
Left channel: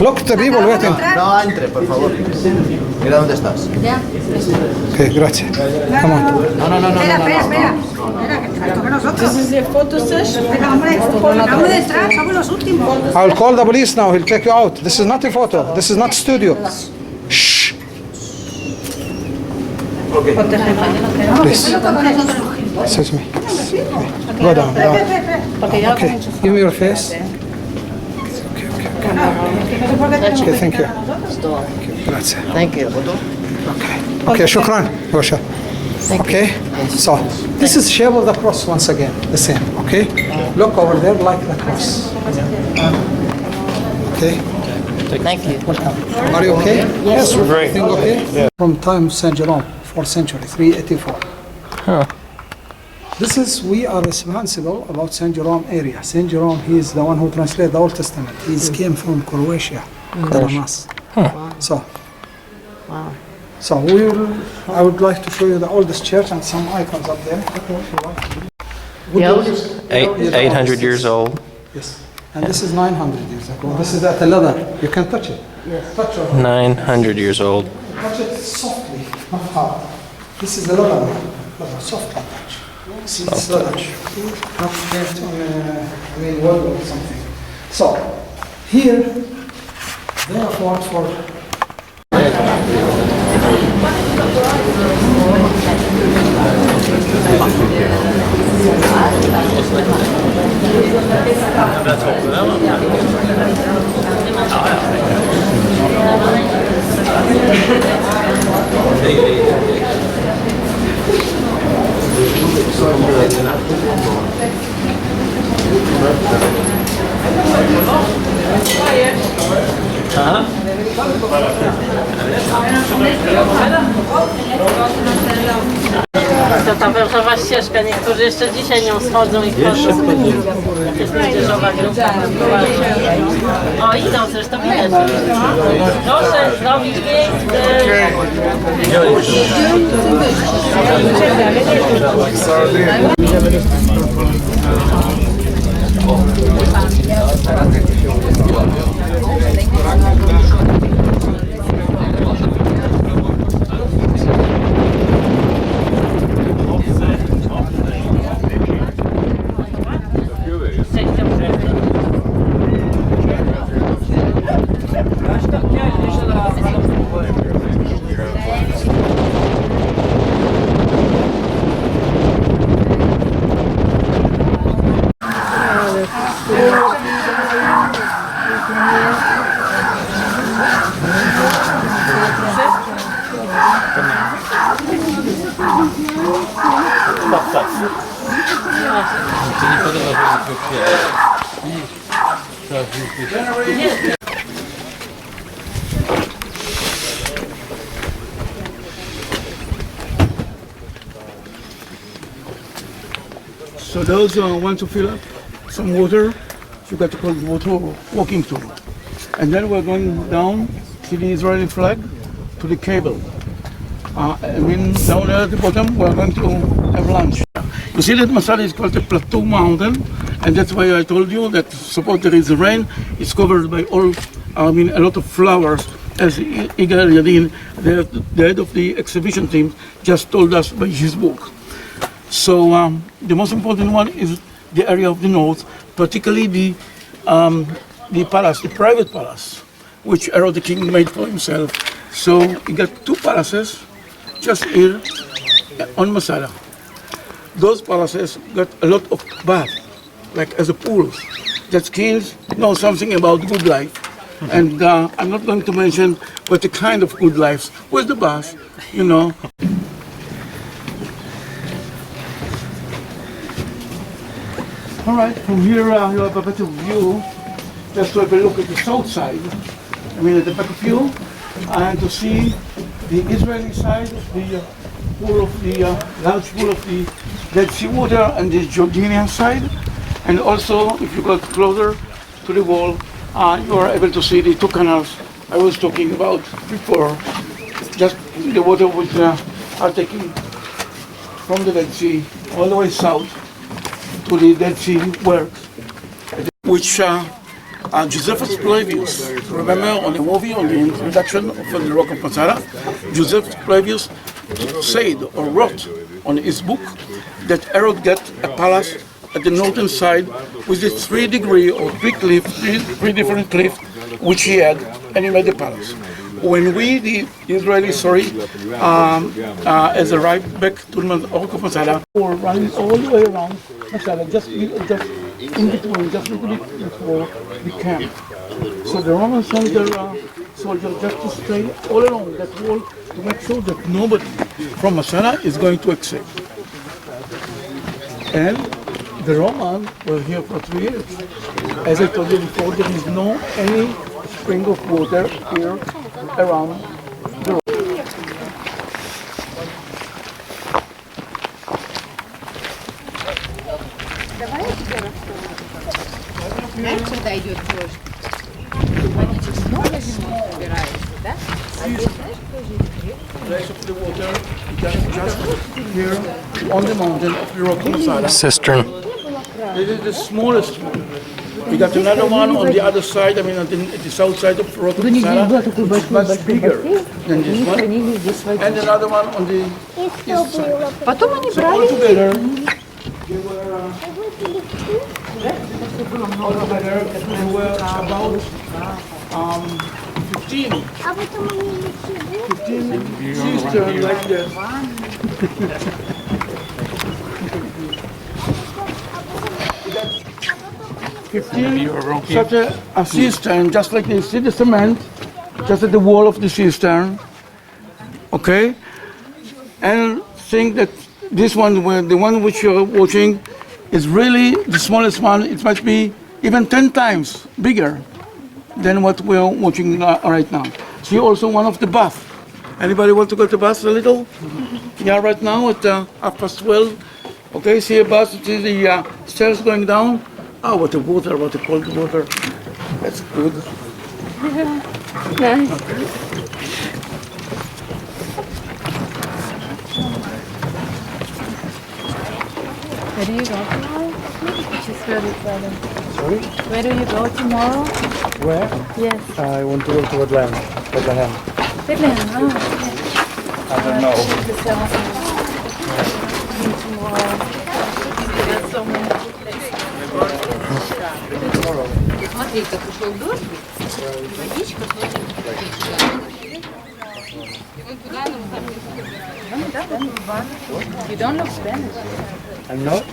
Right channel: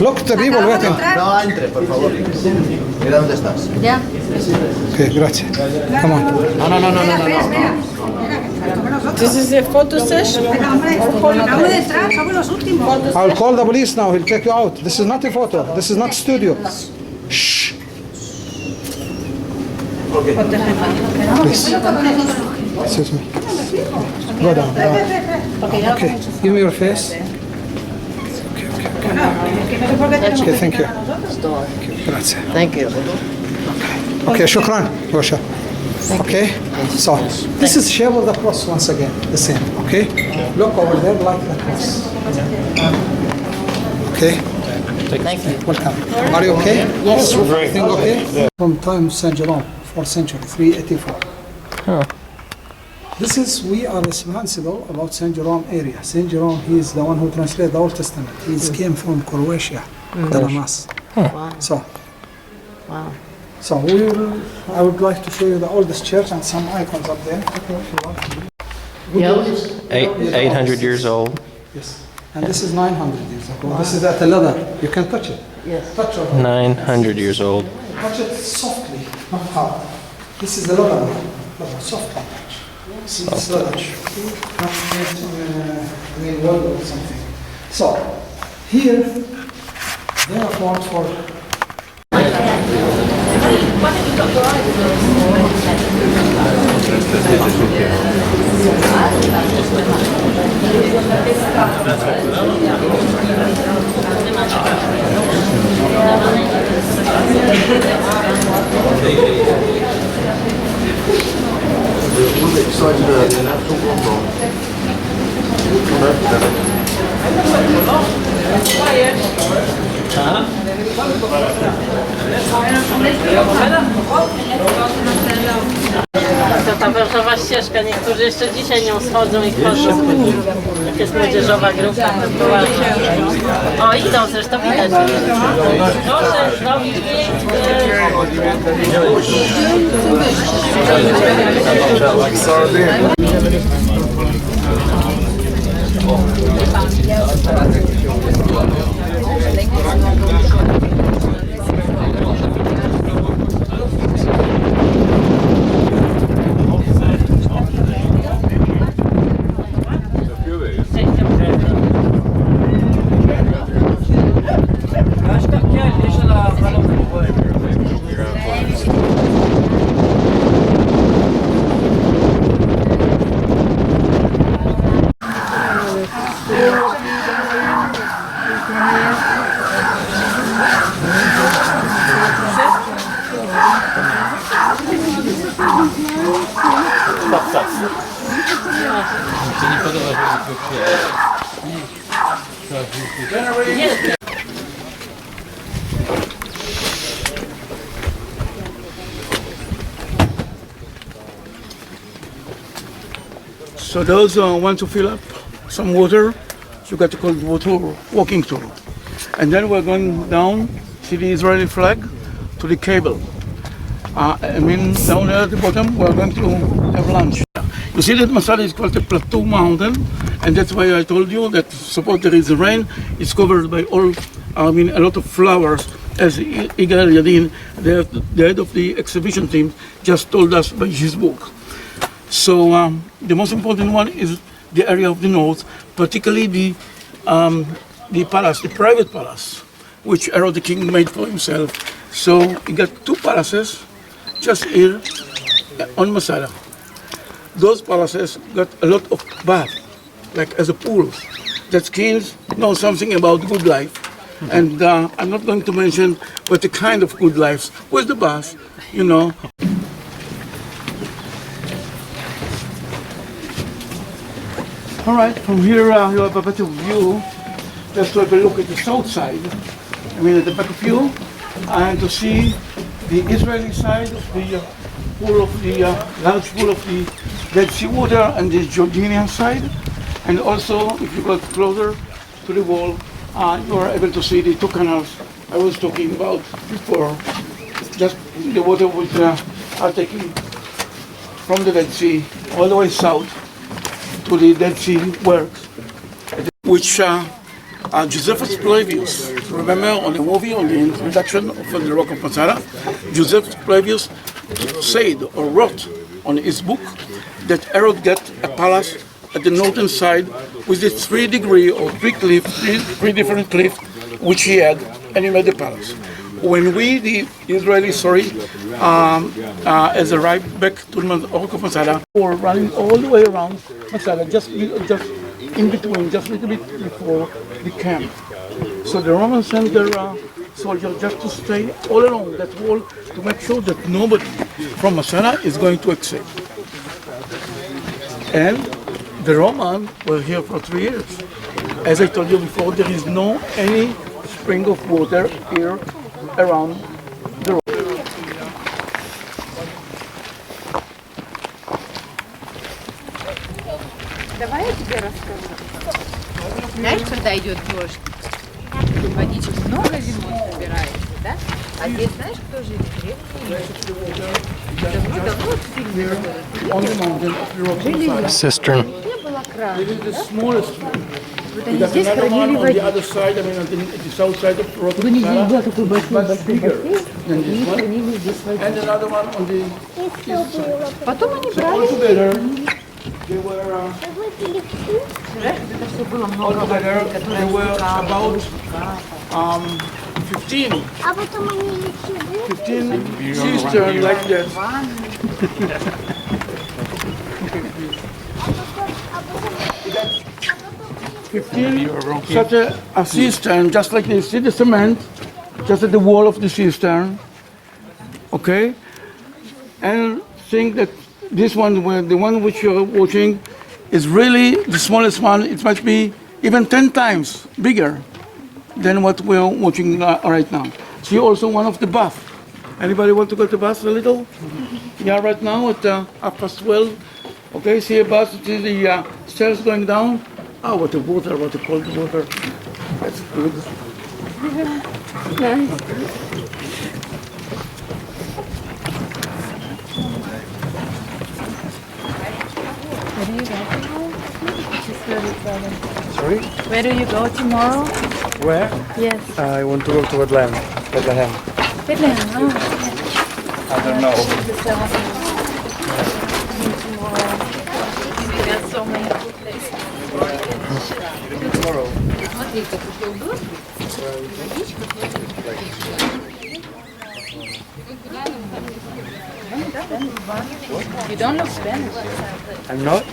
Look the people waiting. No entre, por favor. Mira dónde estás. Ya. Okay, grazie. Come on. No. Espera. This is a photo session. Venga, hombre. Acabo de entrar, somos los últimos. I will call the police now. He'll take you out. This is not a photo. This is not studio. Shh. Please. Excuse me. Go down. Okay. Give me your face. Okay, thank you. Grazie. Thank you. Okay, shukran. Gosha. Okay, so this is shape of the cross once again, the same. Okay, look over there like the cross. Okay, Thank you. welcome. Are you okay? Yes. Everything okay? From time Saint Jerome, 4th century, 384. This is, we are responsible about Saint Jerome area. Saint Jerome, he is the one who translated the Old Testament. He came from Croatia, Dalamas. So, Wow. So I would like to show you the oldest church and some icons up there. The oldest? 800 years old. Yes. And this is 900 years ago. This is at the leather. You can touch it. Yes. Touch it. 900 years old. Touch it softly, not hard. This is the leather. Softly touch. See this leather. Not wood or something. So, here, they are formed for To ta wężowa ścieżka, niektórzy jeszcze dzisiaj nią schodzą i wchodzą. Jak jest młodzieżowa grupa. O, idą zresztą widać. Proszę, zrobić So those who want to fill up some water, you got to call it water walking tour. And then we're going down, see the Israeli flag, to the cable. Down there at the bottom, we're going to have lunch. You see that Masada is called a plateau mountain, and that's why I told you that suppose there is rain, it's covered by a lot of flowers, as Igal Yadin, the head of the exhibition team, just told us by his book. So the most important one is the area of the north, particularly the palace, the private palace, which Herod the king made for himself. So he got two palaces just here on Masada. Those palaces got a lot of bath, like as a pool. That kings know something about good life. And I'm not going to mention what the kind of good life with the bath, you know. All right, from here you have a better view. Just to have a look at the south side. At the back of you, and to see the Israeli side of the pool of the large pool of the Dead Sea water, and the Jordanian side. And also, if you got closer to the wall, you are able to see the two canals I was talking about before. Just the water which are taking from the Dead Sea all the way south to the Dead Sea works, which Josephus Flavius, remember on the movie, on the introduction of the Rock of Masada, Josephus Flavius said or wrote on his book that Herod got a palace at the northern side with the 3 different cliffs which he had, and he made the palace. When we, the Israelis, as arrived back to the Rock of Masada, were running all the way around Masada, just in between, just a little bit before the camp. So the Romans sent their soldiers just to stay all along that wall to make sure that nobody from Masada is going to escape. And the Romans were here for 3 years. As I told you before, there is no any spring of water here around the road. Давай я тебе расскажу. Знаешь, когда идет дождь, водичек много зимой собирается, да? А здесь знаешь, кто живет? On the mountain of the Rock of Masada. Cistern. This is the smallest one. We got another one on the other side, at the south side of the Rock of Masada, which is much bigger than this one. And another one on the east side. Потом они So брали. altogether, they were about 15 cisterns like this. 15, such a cistern, just like this. See the cement, just at the wall of the cistern, okay? And think that this one, the one which you're watching, is really the smallest one. It must be even 10 times bigger than what we're watching right now. See also one of the bath. Anybody want to go to bath a little? Yeah, right now at 12:30. Okay, see a bath, see the stairs going down. Oh, what a water, what a cold water. That's good. Nice. Where do you go tomorrow? Sorry? Where do you go tomorrow? Where? Yes. I want to go to Bethlehem. Bethlehem. I don't know. There's so many good places. Смотри, как ушел дождь. Водичка. You don't look Spanish. I'm not?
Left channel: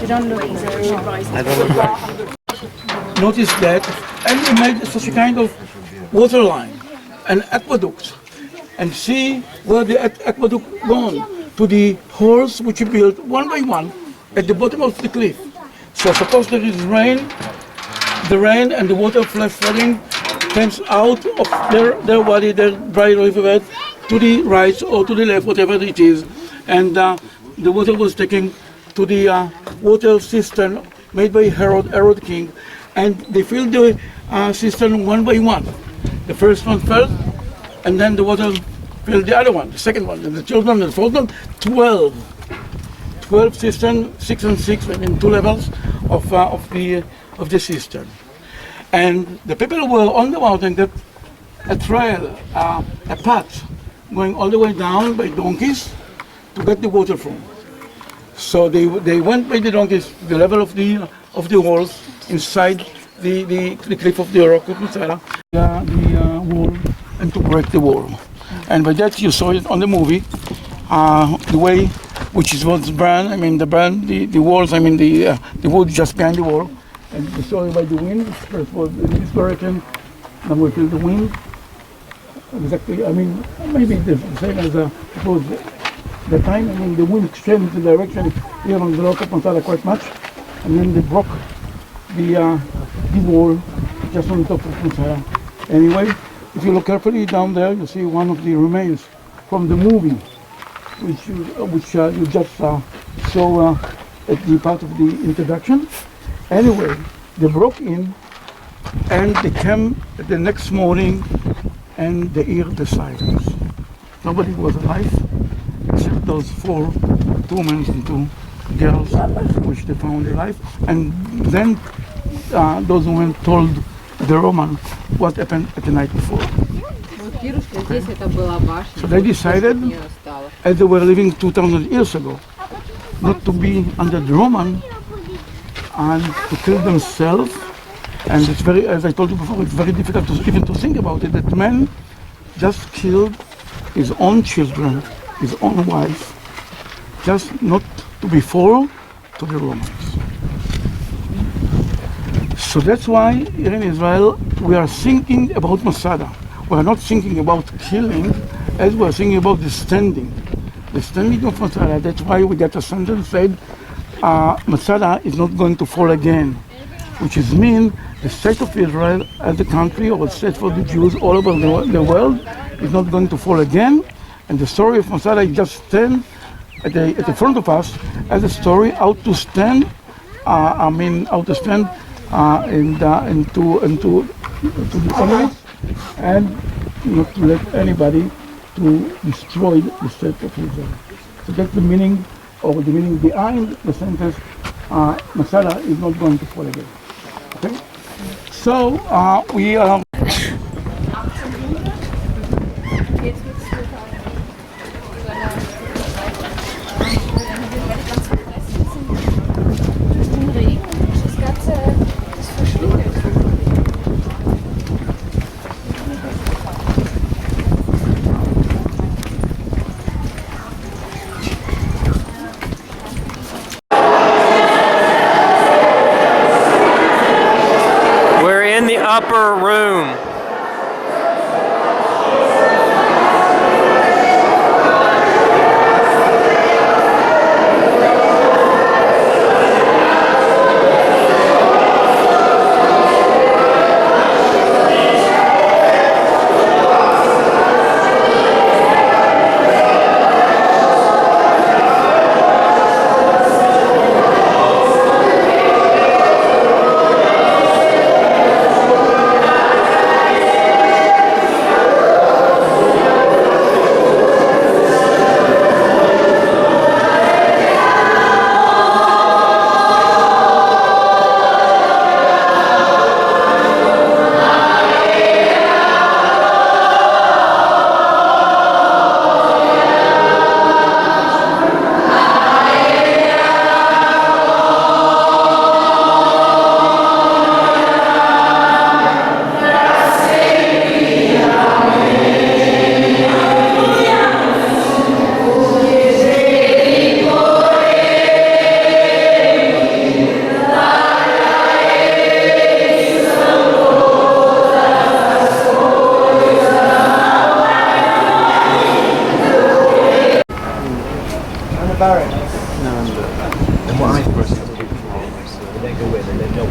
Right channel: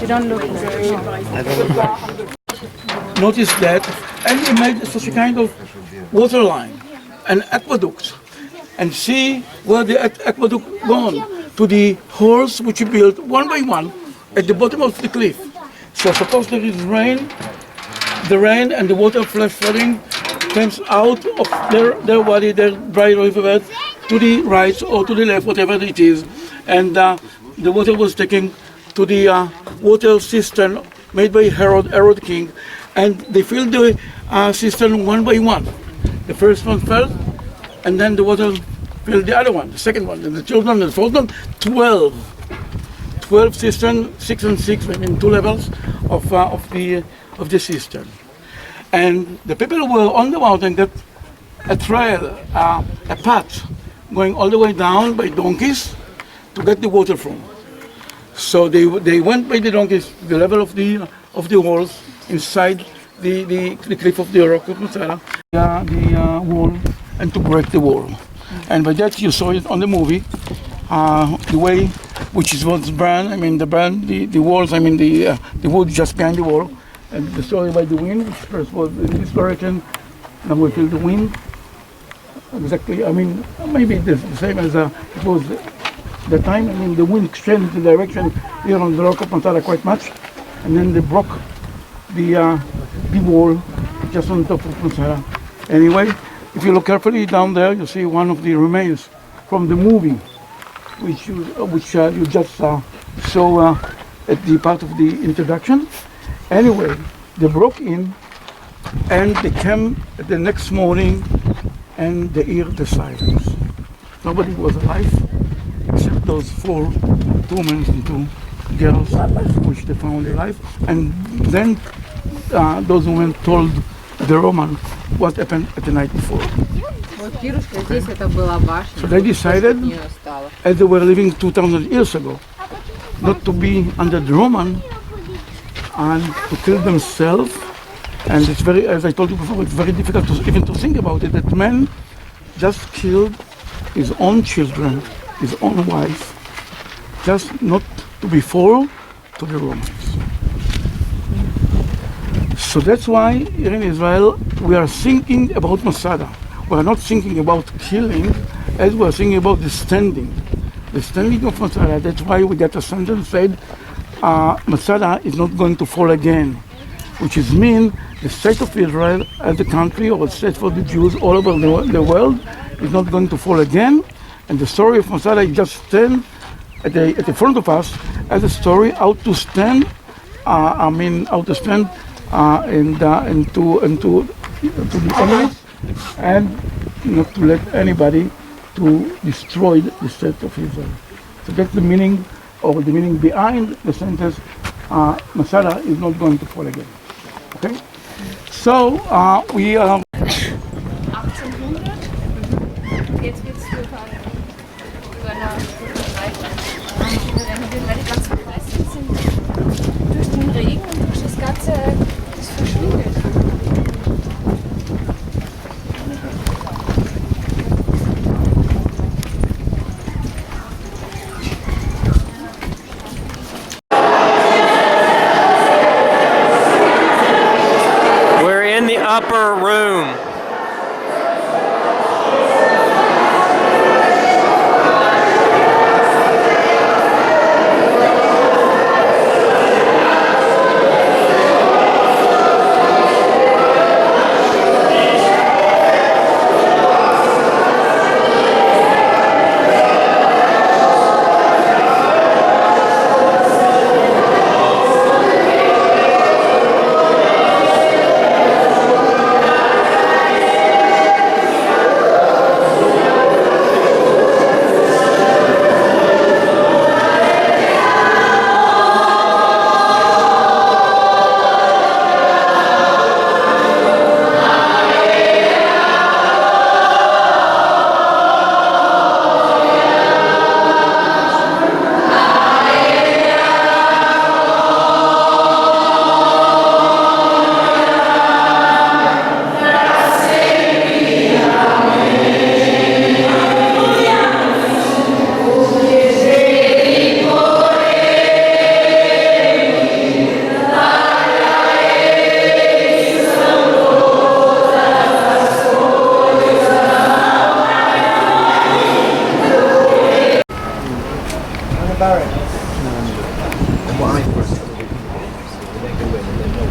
You don't look very I don't look like. Notice that, and they made such a kind of water line, an aqueduct, and see where the aqueduct gone to the holes which you built one by one at the bottom of the cliff. So suppose there is rain, the rain and the water falling comes out of their body, their dry riverbed, to the right or to the left, whatever it is, and the water was taken to the water cistern made by Herod King, and they filled the cistern one by one. The first one fell, and then the water filled the other one, the second one, and the third one, and the fourth one. 12 cisterns, 6 and 6, I mean 2 levels of the cistern. And the people were on the mountain got a trail, a path going all the way down by donkeys to get the water from. So they went by the donkeys to the level of the walls inside the cliff of the rock of Masada, the wall, and to break the wall. And by that you saw it on the movie, the way which was burned. I mean the walls. I mean the wood just behind the wall, and the story by the wind. Which first was in this direction, now we feel the wind. Exactly. I mean maybe the same as it was the time. I mean the wind changed the direction here on the rock of Masada quite much, and then they broke the wall just on top of Masada. Anyway, if you look carefully down there, you see one of the remains from the movie, which you just saw at the part of the introduction. Anyway, they broke in, and they came the next morning, and they heard the silence. Nobody was alive except those 4 men and 2 girls, which they found alive. And then those women told the Roman what happened at the night before. Okay. So they decided, as they were living 2,000 years ago, not to be under the Roman and to kill themselves. And it's very, as I told you before, it's very difficult even to think about it, that man just killed his own children, his own wife, just not to be fall to the Romans. So that's why here in Israel we are thinking about Masada. We are not thinking about killing, as we are thinking about the standing of Masada. That's why we get a sentence said, Masada is not going to fall again, which is mean the state of Israel as a country, or a state for the Jews all over the world, is not going to fall again. And the story of Masada is just stand at the front of us as a story how to stand. How to stand and to the enemies, and not to let anybody to destroy the state of Israel. So that's the meaning, or the meaning behind the sentence, Masada is not going to fall again. Okay? So we are... Durch den Regen, durch das Ganze, das verschwindet. upper room.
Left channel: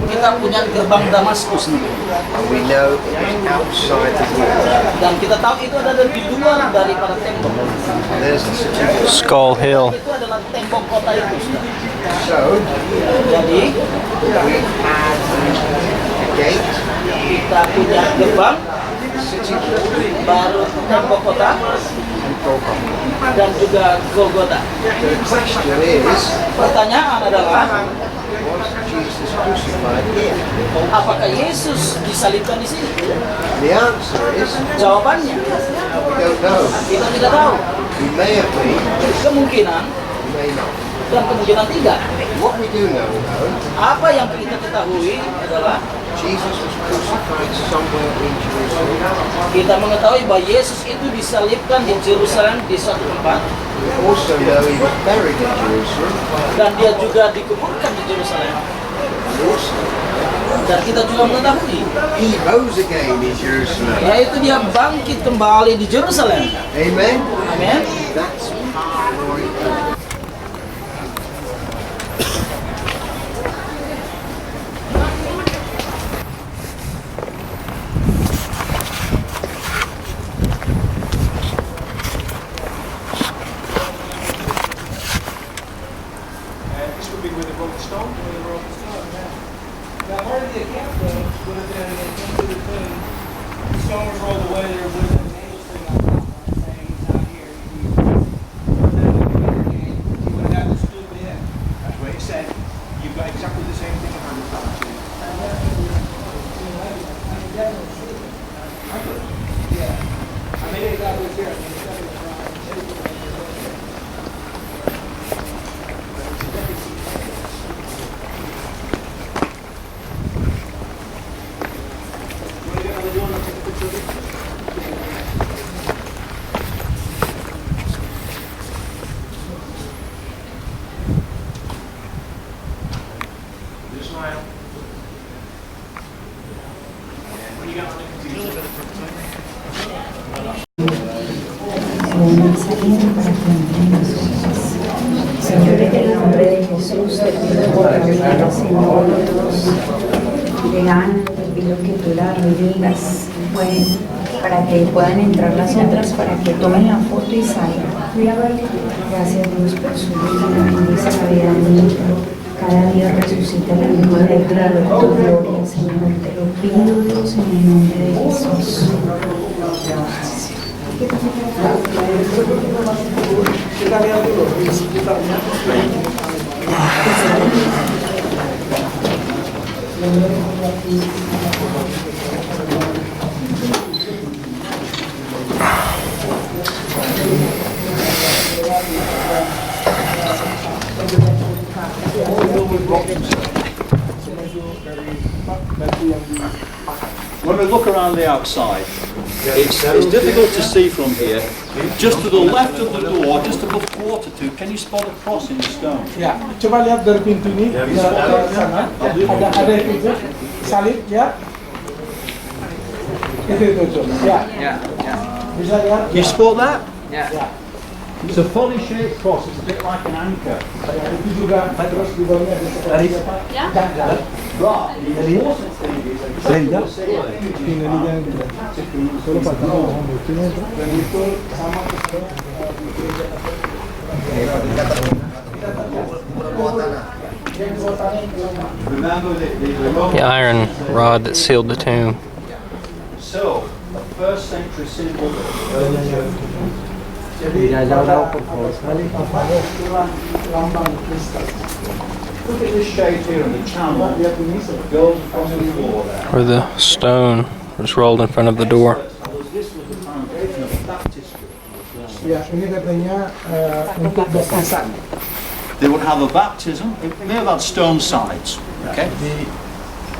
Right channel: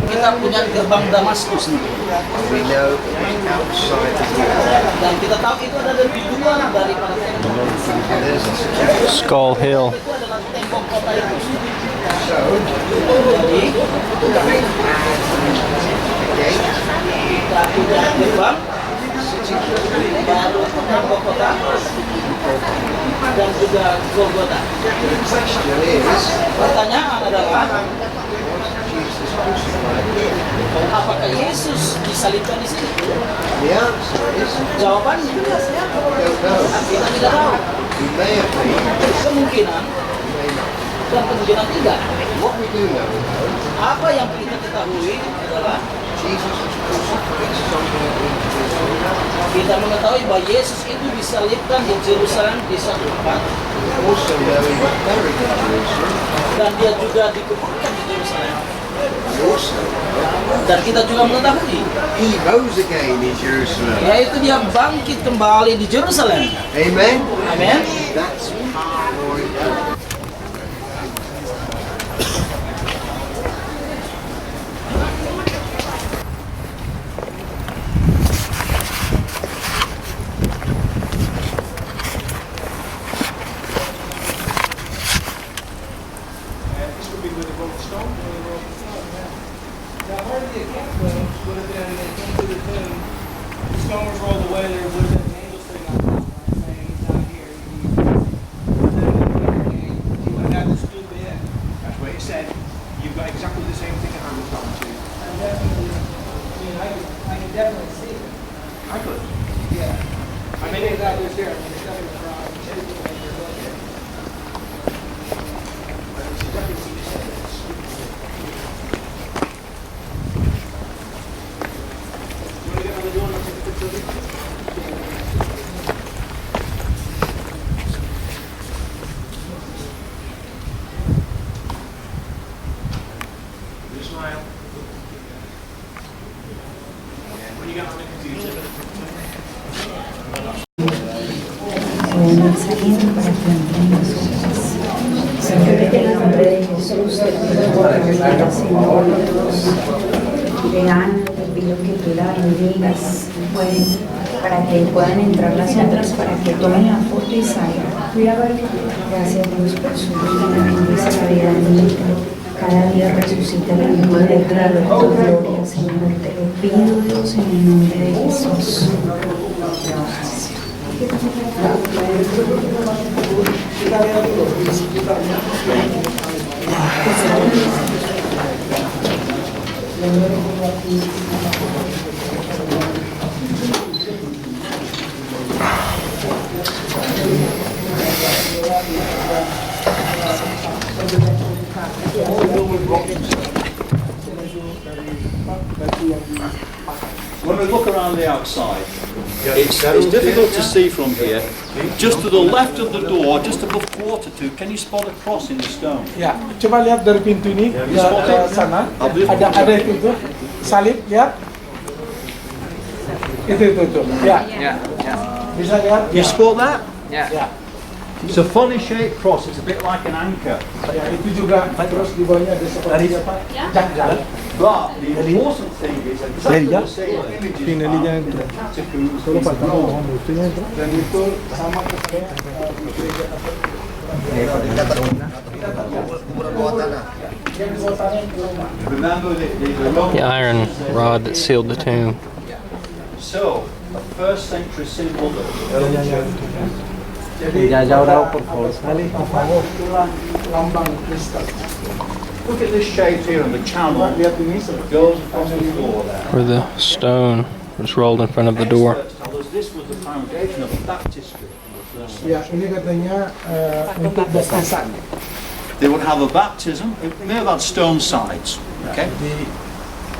Kita punya gerbang Damaskus nih. Dan kita tahu itu ada di luar daripada tembok. Skull Hill. Itu adalah tembok kota itu. Jadi kita punya gerbang, baru tembok kota, dan juga Golgota. Pertanyaan adalah, apakah Yesus disalibkan di sini? Jawabannya, kita tidak tahu. Kemungkinan dan kemungkinan tidak. Apa yang kita ketahui adalah kita mengetahui bahwa Yesus itu disalibkan di Yerusalem di suatu tempat. Dan dia juga dikuburkan di Yerusalem. Dan kita juga mengetahui yaitu dia bangkit kembali di Yerusalem. Amen. Amen. Saliendo para plantar nosotros. Señor, en el nombre de Jesús, te pido por favor, Señor Dios, de Ana, te pido que tú la bendigas, bueno, para que puedan entrar las otras, para que tomen la foto y salgan. Gracias Dios por su vida, bendice la vida bonita. Cada día resucita la misma de tu gloria, Señor. Te lo pido, Dios, en el nombre de Jesús. When we look around the outside, it's difficult to see from here. Just to the left of the door, just above quarter to, can you spot a cross in the stone? Ya, coba lihat dari pintu ini ke sana. Ada itu salib, lihat. Itu. Ya. Bisa lihat? You spot that? Ya. It's a funny shaped cross. It's a bit like an anchor. Ya, itu juga terus di bawahnya ada seperti apa? Jangkar. But the important thing is exactly the same image Dan itu sama Remember The iron rod that sealed the tomb. So, a first century symbol that look at this shape here on the channel that goes across the floor there. Where the stone was rolled in front of the door. This was the foundation of baptistry. Ya, ini katanya untuk baptisan. They would have a baptism. It may have had stone sides. Okay.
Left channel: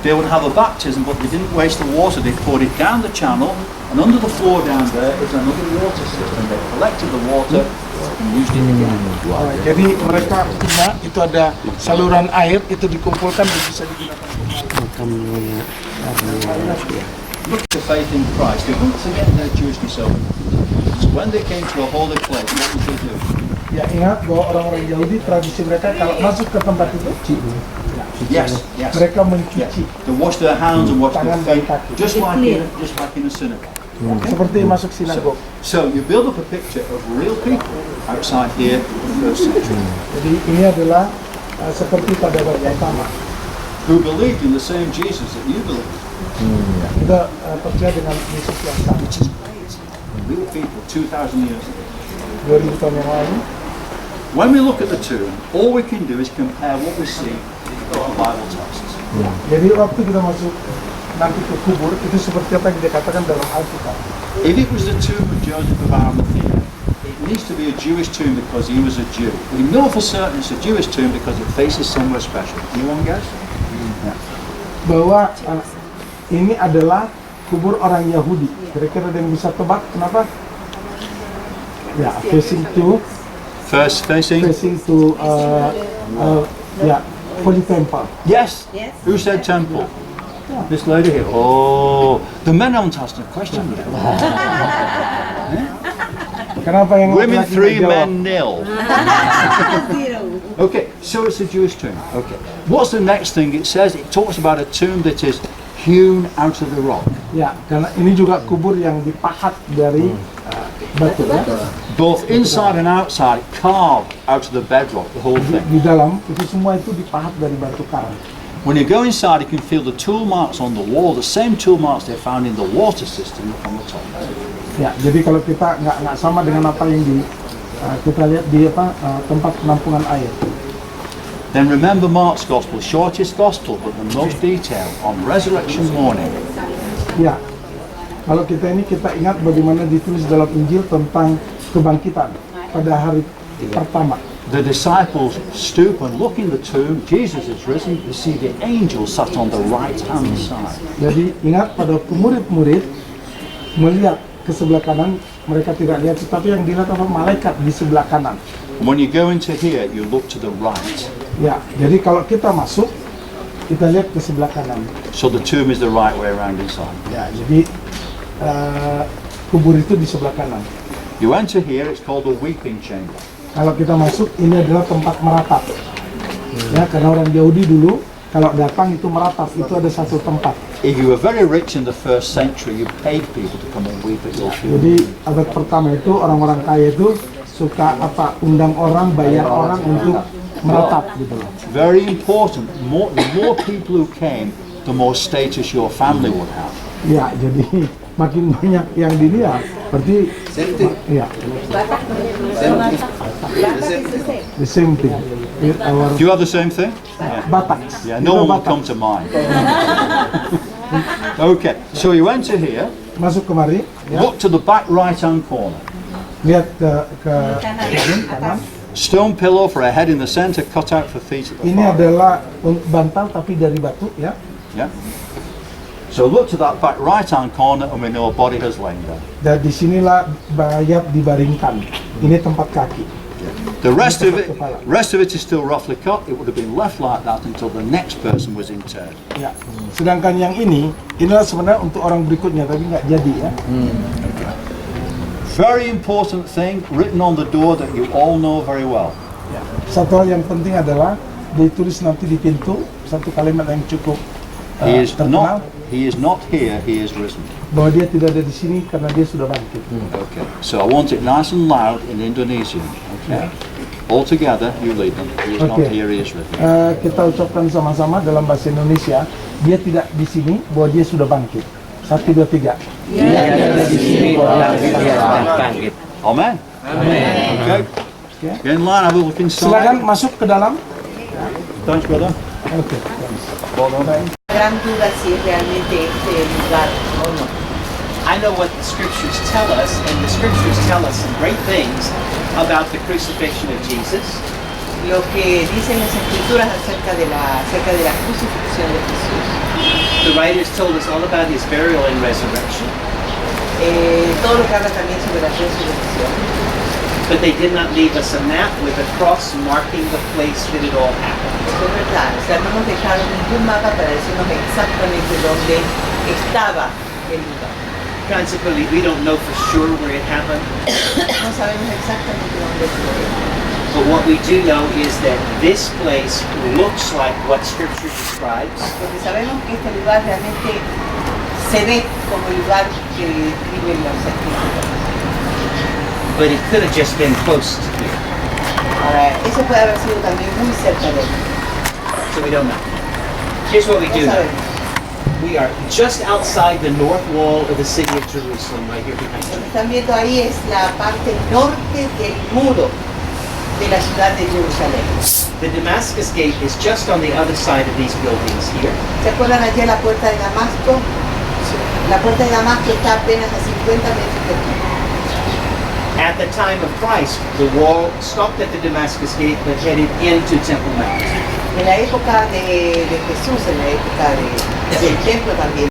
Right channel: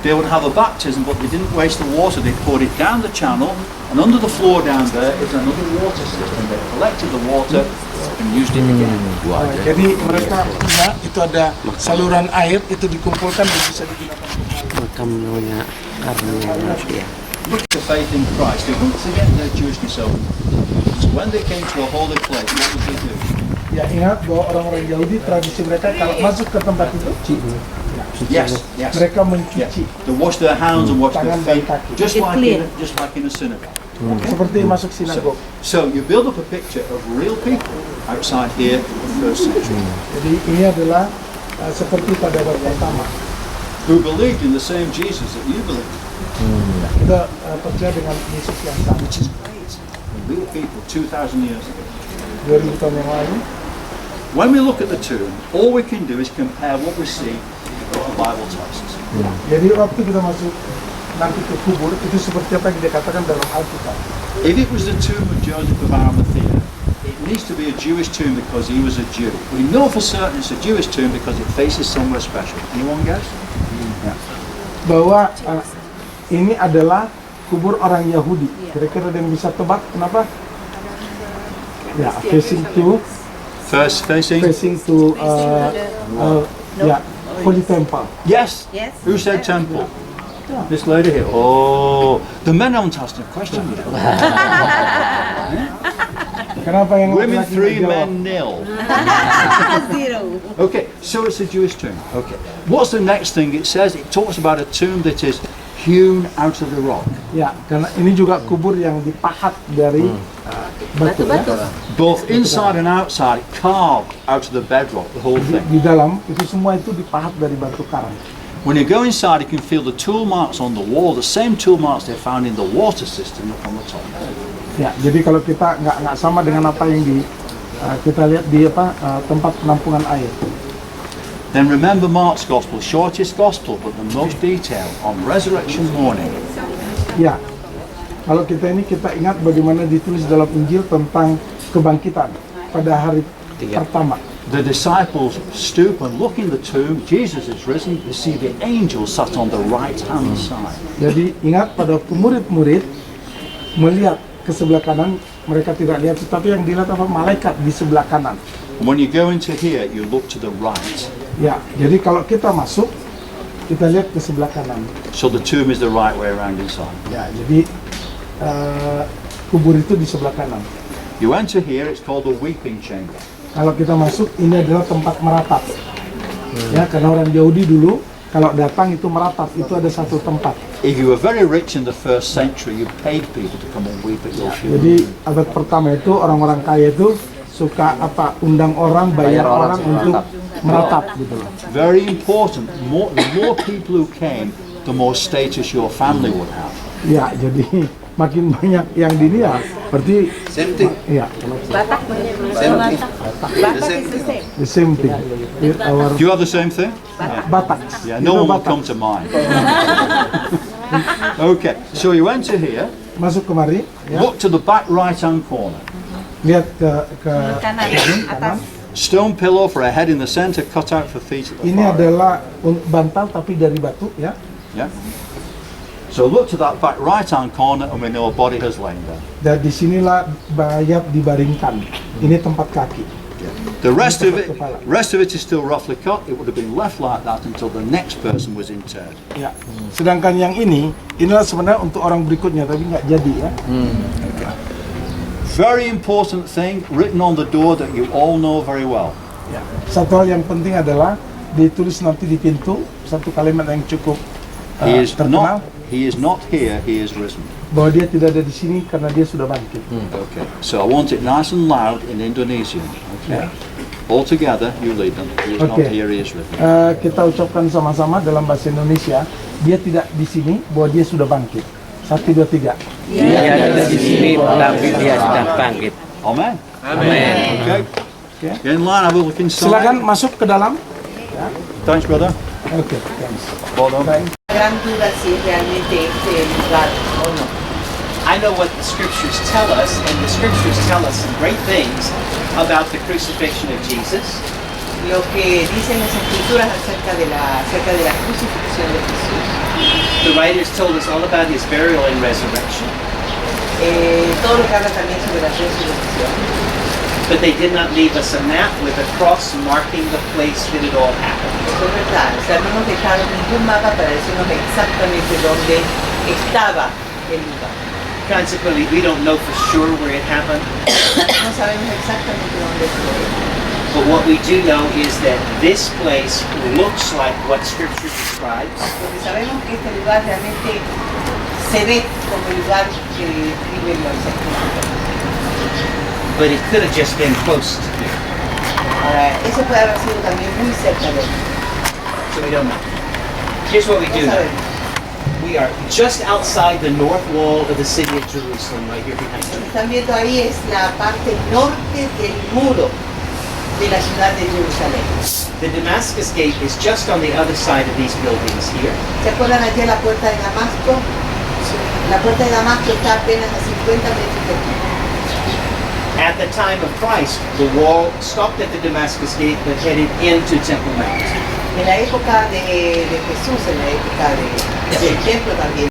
They would have a baptism, but they didn't waste the water. They poured it down the channel, and under the floor down there is another water system. They collected the water and used it again. Jadi mereka punya itu ada saluran air itu dikumpulkan dan bisa digunakan. Look at the faith in Christ. They wouldn't forget their Jewishness over. So when they came to a holy place, what would they do? Ya, ingat bahwa orang-orang Yahudi tradisi mereka kalau masuk ke tempat itu Yes. mereka mencuci They wash their hands and wash their tangan dan feet, kaki. just like in a synagogue. Seperti masuk sinagog. So you build up a picture of real people outside here in the first century Jadi ini adalah seperti pada abad pertama. who believed in the same Jesus that you believe. Kita percaya dengan Yesus yang sama. Real people 2,000 years ago. 2000 tahun yang lalu. When we look at the tomb, all we can do is compare what we see with what the Bible tells us. Jadi waktu kita masuk nanti ke kubur itu seperti apa yang dikatakan dalam Alkitab. If it was the tomb of Joseph of Arimathea, it needs to be a Jewish tomb because he was a Jew. We know for certain it's a Jewish tomb because it faces somewhere special. Anyone guess? Bahwa ini adalah kubur orang Yahudi. Kira-kira ada yang bisa tebak kenapa? Ya, facing to Holy Temple. Yes. Who said temple? This lady here. Oh, the men haven't asked a question yet. Kenapa yang Women laki-laki 3, jawab? men 0. Okay, so it's a Jewish tomb. Okay. What's the next thing it says? It talks about a tomb that is hewn out of the rock. Ya, karena ini juga kubur yang dipahat dari batu. Ya. Both inside and outside, carved out of the bedrock, the whole thing. Di dalam itu semua itu dipahat dari batu karang. When you go inside, you can feel the tool marks on the wall, the same tool marks they found in the water system up on the top. Ya, jadi kalau kita nggak sama dengan apa yang kita lihat di tempat penampungan air. Then remember Mark's Gospel, shortest Gospel, but the most detailed on resurrection morning. Ya, kalau kita ingat bagaimana ditulis dalam Injil tentang kebangkitan pada hari pertama. The disciples stoop and look in the tomb. Jesus is risen. They see the angel sat on the right hand side. Jadi ingat pada murid-murid melihat ke sebelah kanan, mereka tidak lihat, tetapi yang dilihat apa? Malaikat di sebelah kanan. When you go into here, you look to the right. Ya, jadi kalau kita masuk, kita lihat ke sebelah kanan. So the tomb is the right way around inside. Ya, jadi kubur itu di sebelah kanan. You enter here, it's called the weeping chamber. Kalau kita masuk, ini adalah tempat meratap. Ya, karena orang Yahudi dulu kalau datang itu meratap, itu ada satu tempat. If you were very rich in the first century, you paid people to come and weep at your funeral. Jadi abad pertama itu orang-orang kaya itu suka undang orang, bayar orang untuk meratap gitu loh. Very important. The more people who came, the more status your family would have. Ya, jadi makin banyak yang dilihat, berarti ya. The same thing. Do you have the same thing? Batak. Yeah, no one will come to mind. Okay, so you enter here. Masuk kemari. Ya. Look to the back right-hand corner. Lihat ke kanan. Stone pillow for a head in the center, cut out for feet at the Ini far end. adalah bantal tapi dari batu, ya. Yeah. So look to that back right-hand corner, and we know a body has lain there. Dan disinilah mayat dibaringkan. Ini tempat kaki. The rest of it is still roughly cut. It would have been left like that until the next person was interred. Ya. Sedangkan yang inilah sebenarnya untuk orang berikutnya, tapi nggak jadi ya. Okay. Very important thing written on the door that you all know very well. Ya. Satu hal yang penting adalah ditulis nanti di pintu satu kalimat yang cukup terkenal. He is not here. He is risen. Bahwa dia tidak ada di sini karena dia sudah bangkit. Okay. So I want it nice and loud in Indonesian. Okay. All together, you lead them. He is not here. He is risen. Kita ucapkan sama-sama dalam bahasa Indonesia. Dia tidak di sini, bahwa dia sudah bangkit. 1, 2, 3. Dia ada di sini, tapi dia sudah bangkit. Amen. Amen. Okay. In line, have a look inside. Silakan masuk ke dalam. Thanks, brother. Okay. Thanks. Well done. Gran duda si realmente este es el lugar o no. I know what the scriptures tell us, and the scriptures tell us some great things about the crucifixion of Jesus. Lo que dicen las escrituras acerca de la crucifixión de Jesús. The writers told us all about his burial and resurrection. Todo lo que habla también sobre la resurrección. But they did not leave us a map with a cross marking the place that it all happened. Eso es verdad. O sea, no nos dejaron ningún mapa para decirnos exactamente dónde estaba el lugar. Consequently, we don't know for sure where it happened. No sabemos exactamente dónde fue. But what we do know is that this place looks like what Scripture describes. Porque sabemos que este lugar realmente se ve como el lugar que describen los escrituras. But it could have just been close to here. Ahora, eso puede haber sido también muy cerca de él. So we don't know. Here's what we do know. We are just outside the north wall of the city of Jerusalem, right here behind Lo que you. están viendo ahí es la parte norte del muro de la ciudad de Jerusalén. The Damascus Gate is just on the other side of these buildings here. ¿Se acuerdan allí la puerta de Damasco? La puerta de Damasco está apenas a 50 metros de aquí. At the time of Christ, the wall stopped at the Damascus Gate but headed into Temple Mount. En la época de Jesús, en la época del templo también.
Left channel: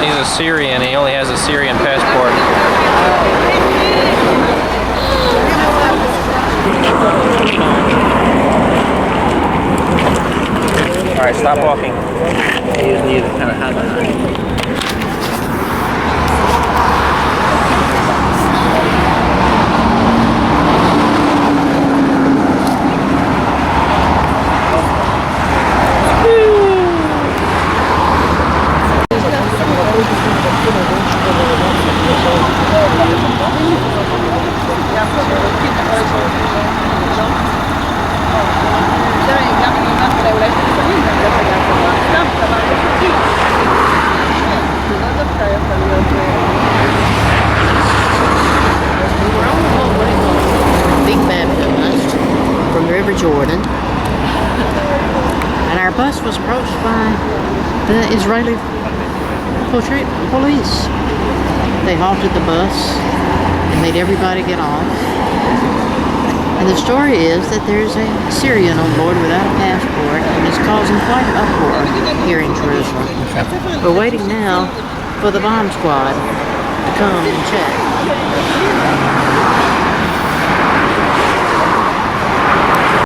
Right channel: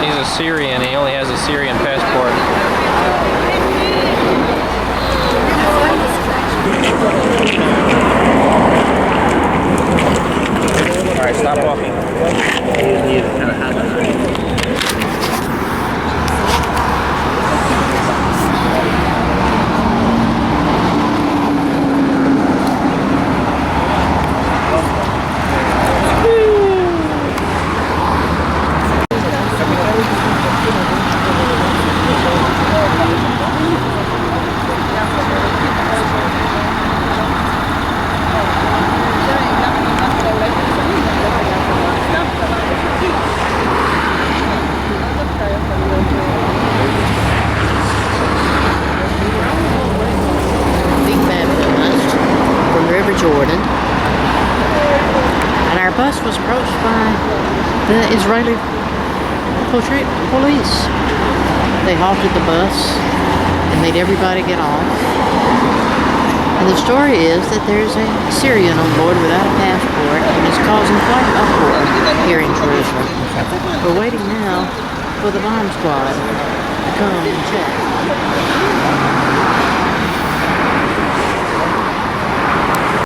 He's a Syrian. He only has a Syrian passport. Alright, stop walking. He was near the kind of hammer. Being baptized from the River Jordan. And our bus was approached by the Israeli police. They halted the bus and made everybody get off. And the story is that there's a Syrian on board without a passport and is causing quite an uproar here in Jerusalem. We're waiting now for the bomb squad to come and check.